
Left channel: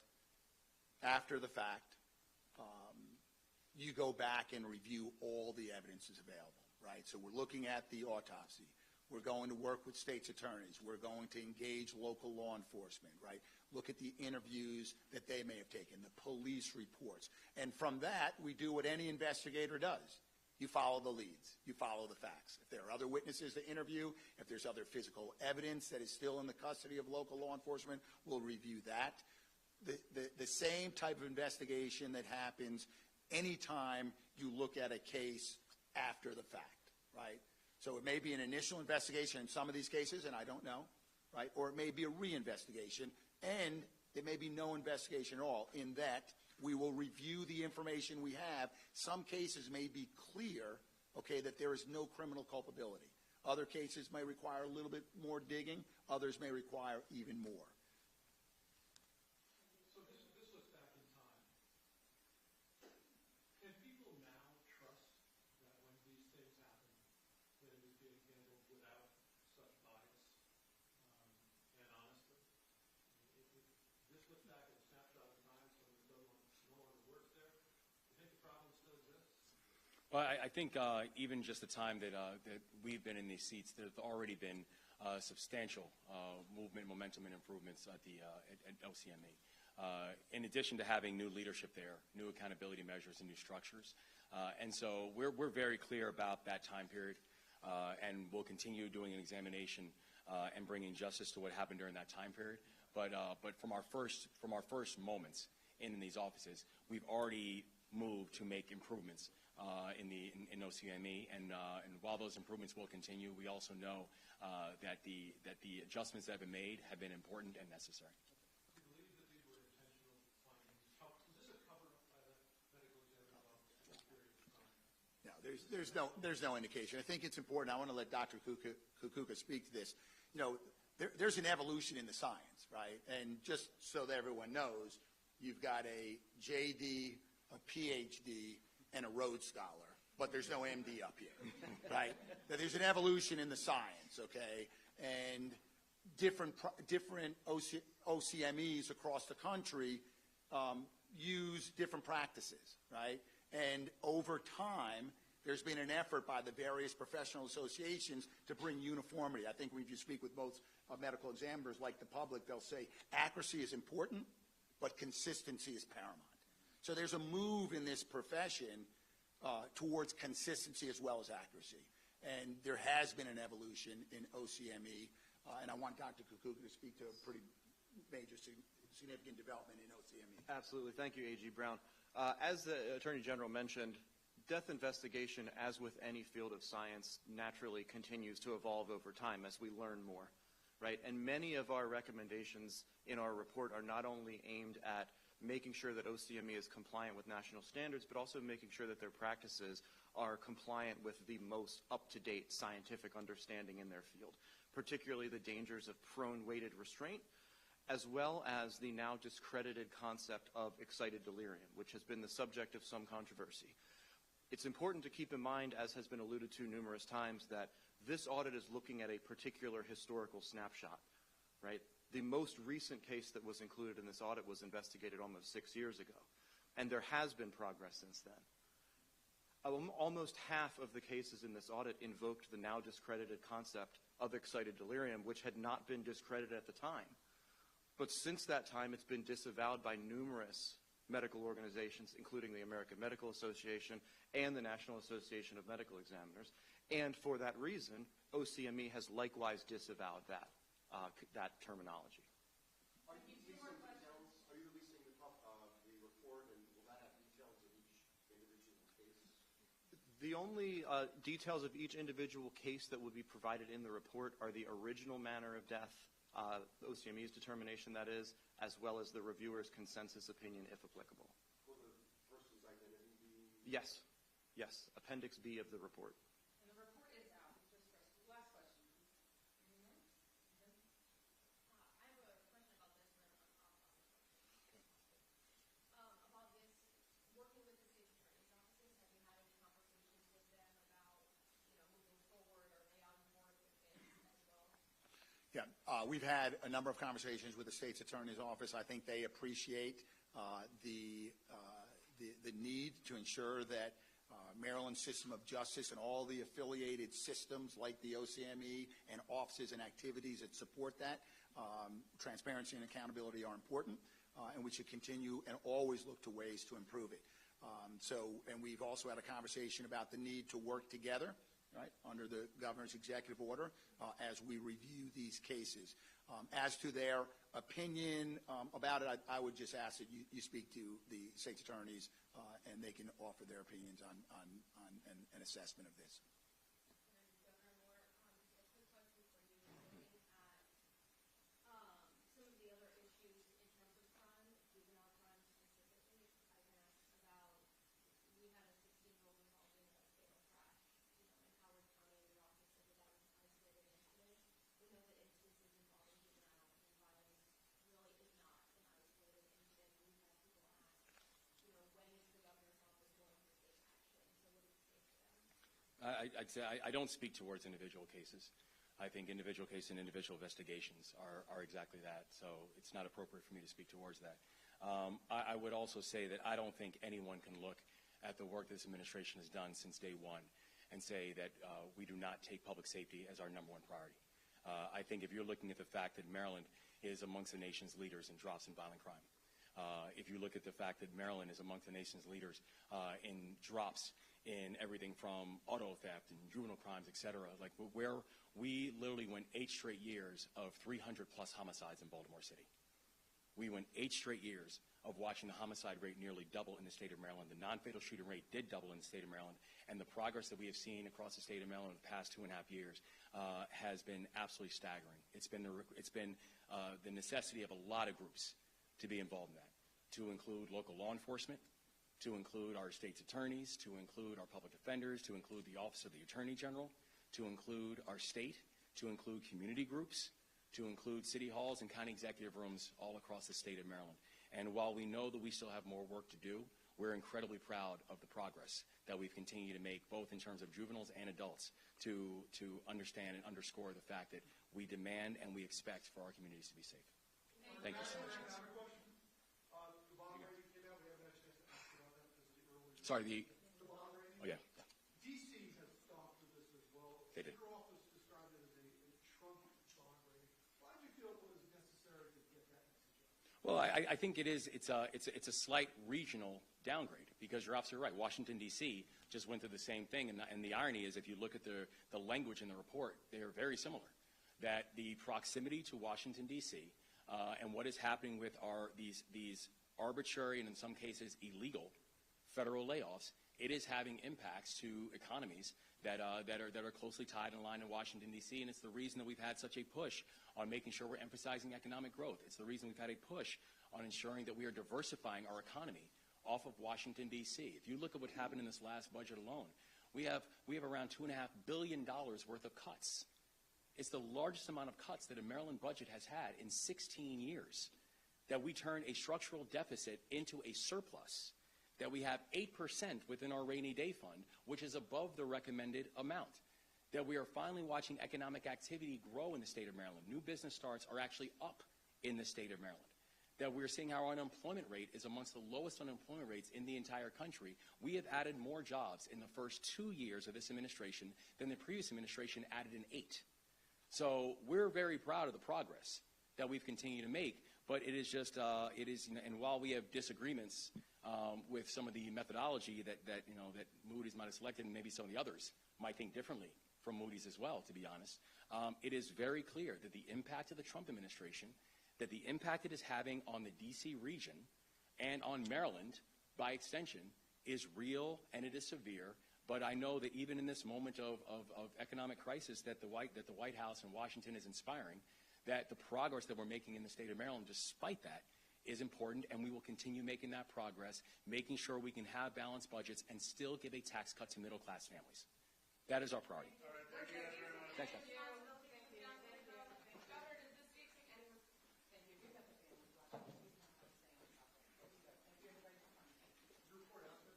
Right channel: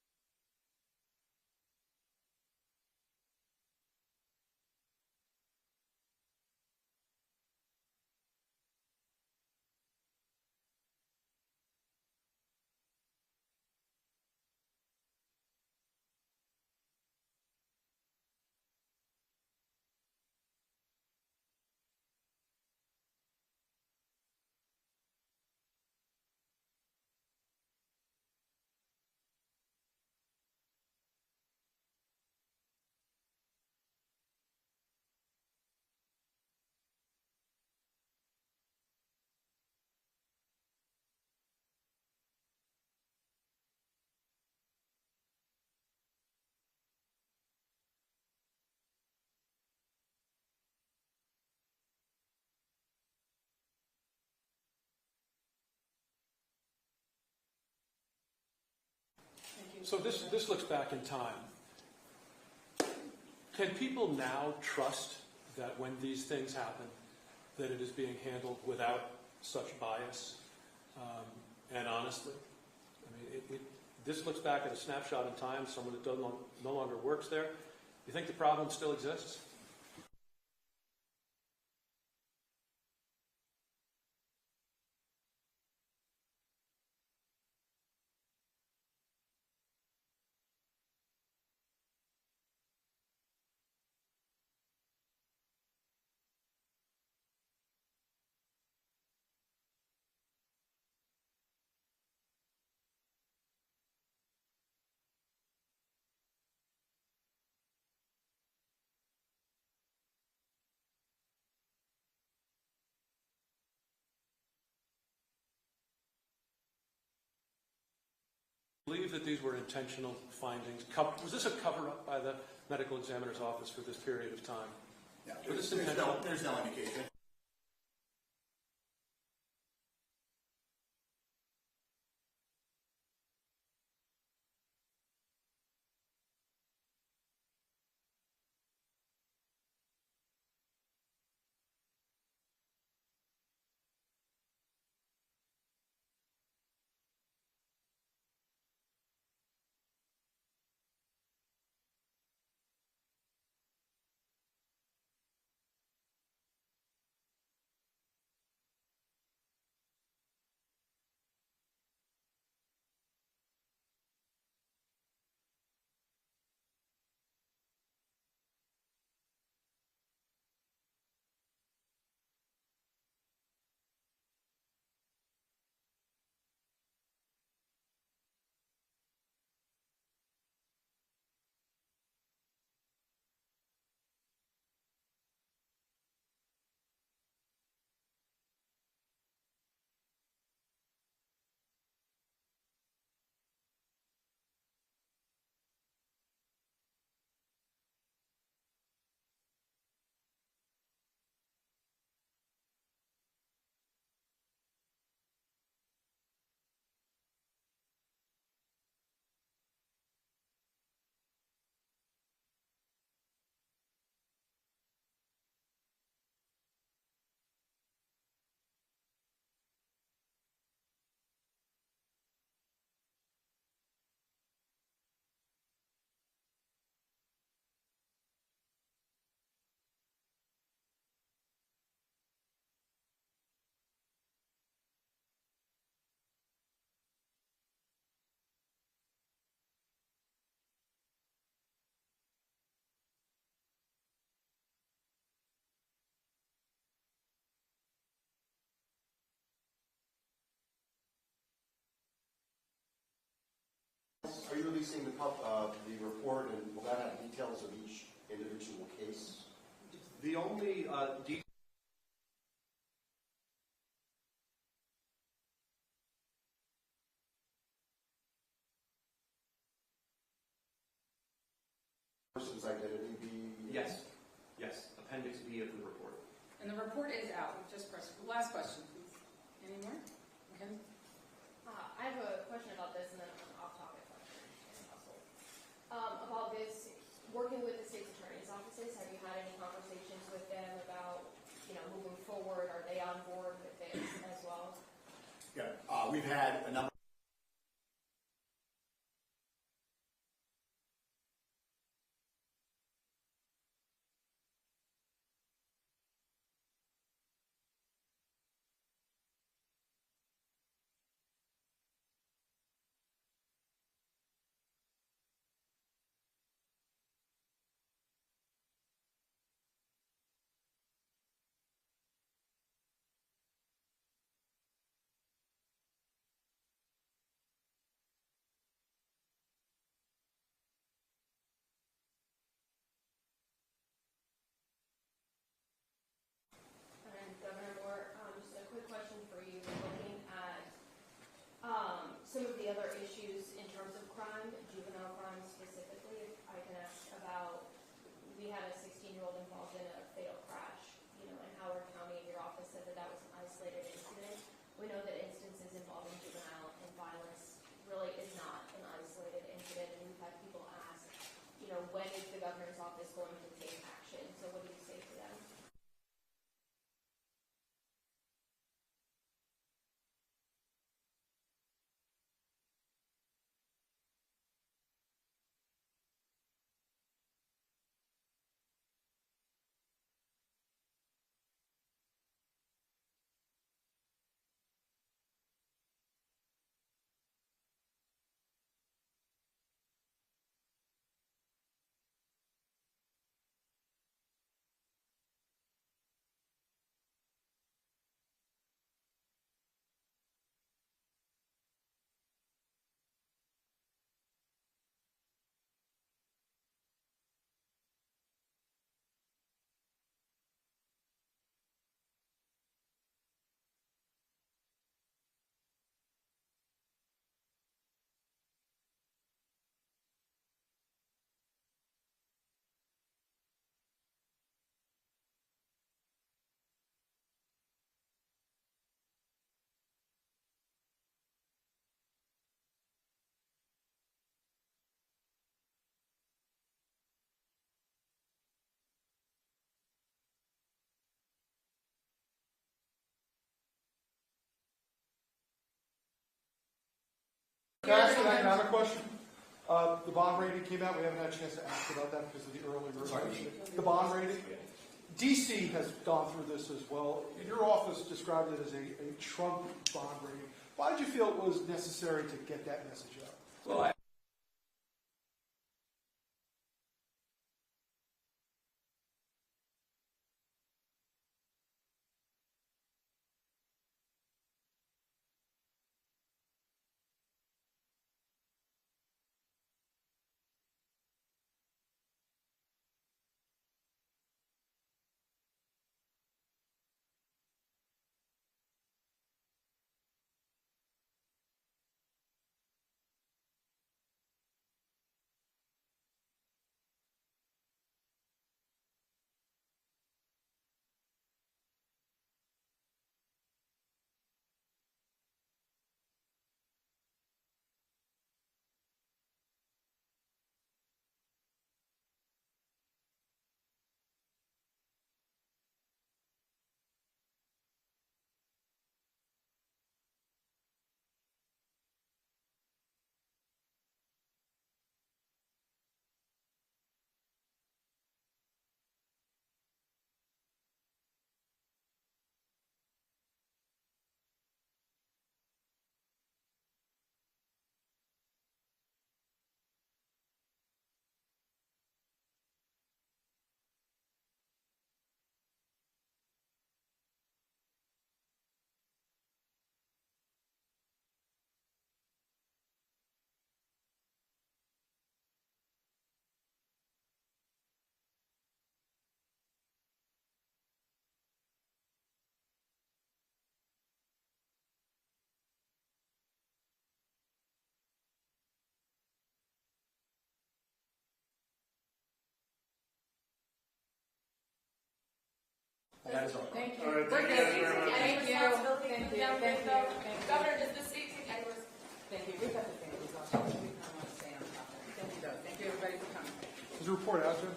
after the fact, you go back and review all the evidence is available, right? So we're looking at the autopsy. We're going to work with state's attorneys. We're going to engage local law enforcement, right? Look at the interviews that they may have taken, the police reports. And from that, we do what any investigator does. You follow the leads. You follow the facts. If there are other witnesses to interview, if there's other physical evidence that is still in the custody of local law enforcement, we'll review that. The same type of investigation that happens anytime you look at a case after the fact, right? So it may be an initial investigation in some of these cases, and I don't know, right? Or it may be a reinvestigation, and it may be no investigation at all, in that we will review the information we have. Some cases may be clear, okay, that there is no criminal culpability. Other cases may require a little bit more digging. Others may require even more. So this looks back in time. Can people now trust that when these things happen, that it is being handled without such bias and honestly? I mean, this looks back at a snapshot in time, someone that no longer works there. You think the problem still exists? Well, I think even just the time that we've been in these seats, there's already been substantial movement, momentum, and improvements at OCME. In addition to having new leadership there, new accountability measures, and new structures. And so we're very clear about that time period, and we'll continue doing an examination and bringing justice to what happened during that time period. But from our first moments in these offices, we've already moved to make improvements in OCME, and while those improvements will continue, we also know that the adjustments that have been made have been important and necessary. I believe that these were intentional findings. Was this a cover-up by the medical examiner's office for this period of time? Yeah, there's no indication. I think it's important. I want to let Dr. Kukuka speak to this. You know, there's an evolution in the science, right? And just so that everyone knows, you've got a JD, a PhD, and a Rhodes Scholar, but there's no MD up here, right? There's an evolution in the science, okay? And different OCMEs across the country use different practices, right? And over time, there's been an effort by the various professional associations to bring uniformity. I think when you speak with both medical examiners like the public, they'll say accuracy is important, but consistency is paramount. So there's a move in this profession towards consistency as well as accuracy. And there has been an evolution in OCME, and I want Dr. Kukuka to speak to a pretty major significant development in OCME. Absolutely. Thank you, A.G. Brown. As the Attorney General mentioned, death investigation, as with any field of science, naturally continues to evolve over time as we learn more. right? And many of our recommendations in our report are not only aimed at making sure that OCME is compliant with national standards, but also making sure that their practices are compliant with the most up-to-date scientific understanding in their field, particularly the dangers of prone weighted restraint, as well as the now discredited concept of excited delirium, which has been the subject of some controversy. It's important to keep in mind, as has been alluded to numerous times, that this audit is looking at a particular historical snapshot, right? The most recent case that was included in this audit was investigated almost 6 years ago, and there has been progress since then. Almost half of the cases in this audit invoked the now discredited concept of excited delirium, which had not been discredited at the time. But since that time, it's been disavowed by numerous medical organizations, including the American Medical Association and the National Association of Medical Examiners. And for that reason, OCME has likewise disavowed that terminology. Are you releasing the report, and will that have details of each individual case? The only details of each individual case that would be provided in the report are the original manner of death, OCME's determination, that is, as well as the reviewer's consensus opinion, if applicable. Will the person's identity be? Yes. Yes. Appendix B of the report. And the report is out. Just press. Last question, please. Any more? Okay. I have a question about this, and then an off-topic question, if possible. About this, working with the state's attorney's offices, have you had any conversations with them about, moving forward? Are they on board with this as well? Yeah, we've had a number of conversations with the state's attorney's office. I think they appreciate the need to ensure that Maryland's system of justice and all the affiliated systems like the OCME and offices and activities that support that, transparency and accountability are important, and we should continue and always look to ways to improve it. And we've also had a conversation about the need to work together, right, under the governor's executive order as we review these cases. As to their opinion about it, I would just ask that you speak to the state's attorneys and they can offer their opinions on an assessment of this. And Governor Moore, just a quick question for you. Looking at some of the other issues in terms of crime, juvenile crime specifically, if I can ask about, we had a 16-year-old involved in a fatal crash, in Howard County. Your office said that was an isolated incident. We know that instances involving juvenile and violence really is not an isolated incident, and we've had people ask, when is the governor's office going to take action? So what do you say to them? I'd say I don't speak towards individual cases. I think individual cases and individual investigations are exactly that, so it's not appropriate for me to speak towards that. I would also say that I don't think anyone can look at the work this administration has done since day one and say that we do not take public safety as our #1 priority. I think if you're looking at the fact that Maryland is amongst the nation's leaders in drops in violent crime, if you look at the fact that Maryland is amongst the nation's leaders in drops in everything from auto theft and juvenile crimes, et cetera, like where we literally went 8 straight years of 300+ homicides in Baltimore City. We went 8 straight years of watching the homicide rate nearly double in the state of Maryland. The non-fatal shooting rate did double in the state of Maryland, and the progress that we have seen across the state of Maryland in the past 2.5 years has been absolutely staggering. It's been the necessity of a lot of groups to be involved in that, to include local law enforcement, to include our state's attorneys, to include our public defenders, to include the Office of the Attorney General, to include our state, to include community groups, to include city halls and county executive rooms all across the state of Maryland. And while we know that we still have more work to do, we're incredibly proud of the progress that we've continued to make, both in terms of juveniles and adults, to understand and underscore the fact that we demand and we expect for our communities to be safe. Can I ask another question? The bond rating came out. We haven't had a chance to ask about that because of the early version. The bond rating? Yeah. DC has gone through this as well. Your office described it as a Trump bond rating. Why did you feel it was necessary to get that message out? Well, I think it is. It's a slight regional downgrade because you're absolutely right. Washington, D.C. just went through the same thing, and the irony is, if you look at the language in the report, they are very similar. That the proximity to Washington, D.C. And what is happening with these arbitrary and in some cases illegal federal layoffs, it is having impacts to economies that are closely tied and aligned in Washington, D.C., and it's the reason that we've had such a push on making sure we're emphasizing economic growth. It's the reason we've had a push on ensuring that we are diversifying our economy off of Washington, D.C. If you look at what happened in this last budget alone, we have around $2.5 billion worth of cuts. It's the largest amount of cuts that a Maryland budget has had in 16 years, that we turn a structural deficit into a surplus, that we have 8% within our rainy day fund, which is above the recommended amount, that we are finally watching economic activity grow in the state of Maryland. New business starts are actually up in the state of Maryland, that we're seeing our unemployment rate is amongst the lowest unemployment rates in the entire country. We have added more jobs in the first 2 years of this administration than the previous administration added in 8. So we're very proud of the progress that we've continued to make, but it is just, and while we have disagreements with some of the methodology that Moody's might have selected, and maybe some of the others might think differently from Moody's as well, to be honest, it is very clear that the impact of the Trump administration, that the impact it is having on the D.C. region and on Maryland, by extension, is real and it is severe. But I know that even in this moment of economic crisis that the White House and Washington is inspiring, that the progress that we're making in the state of Maryland, despite that, is important, and we will continue making that progress, making sure we can have balanced budgets and still give a tax cut to middle-class families. That is our Thank you. All right, thank you guys very much. Thank you. Thank you. Thank you. Governor, does the state take Edwards? Thank you. We've got the thing. We kind of want to stay on top of it. Thank you, though. Thank you, everybody, for coming. Is the report out there?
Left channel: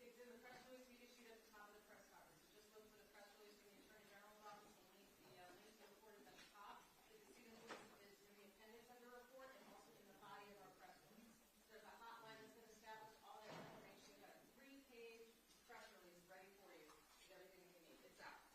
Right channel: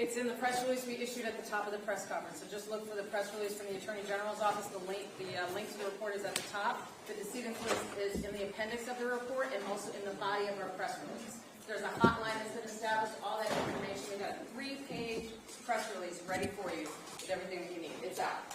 It's in the press release we issued at the top of the press conference. So just look for the press release from the Attorney General's office. The link to the report is at the top. The decedent list is in the appendix of the report and also in the body of our press release. There's a hotline that's been established, all that information. We've got a 3-page press release ready for you with everything that you need. It's out.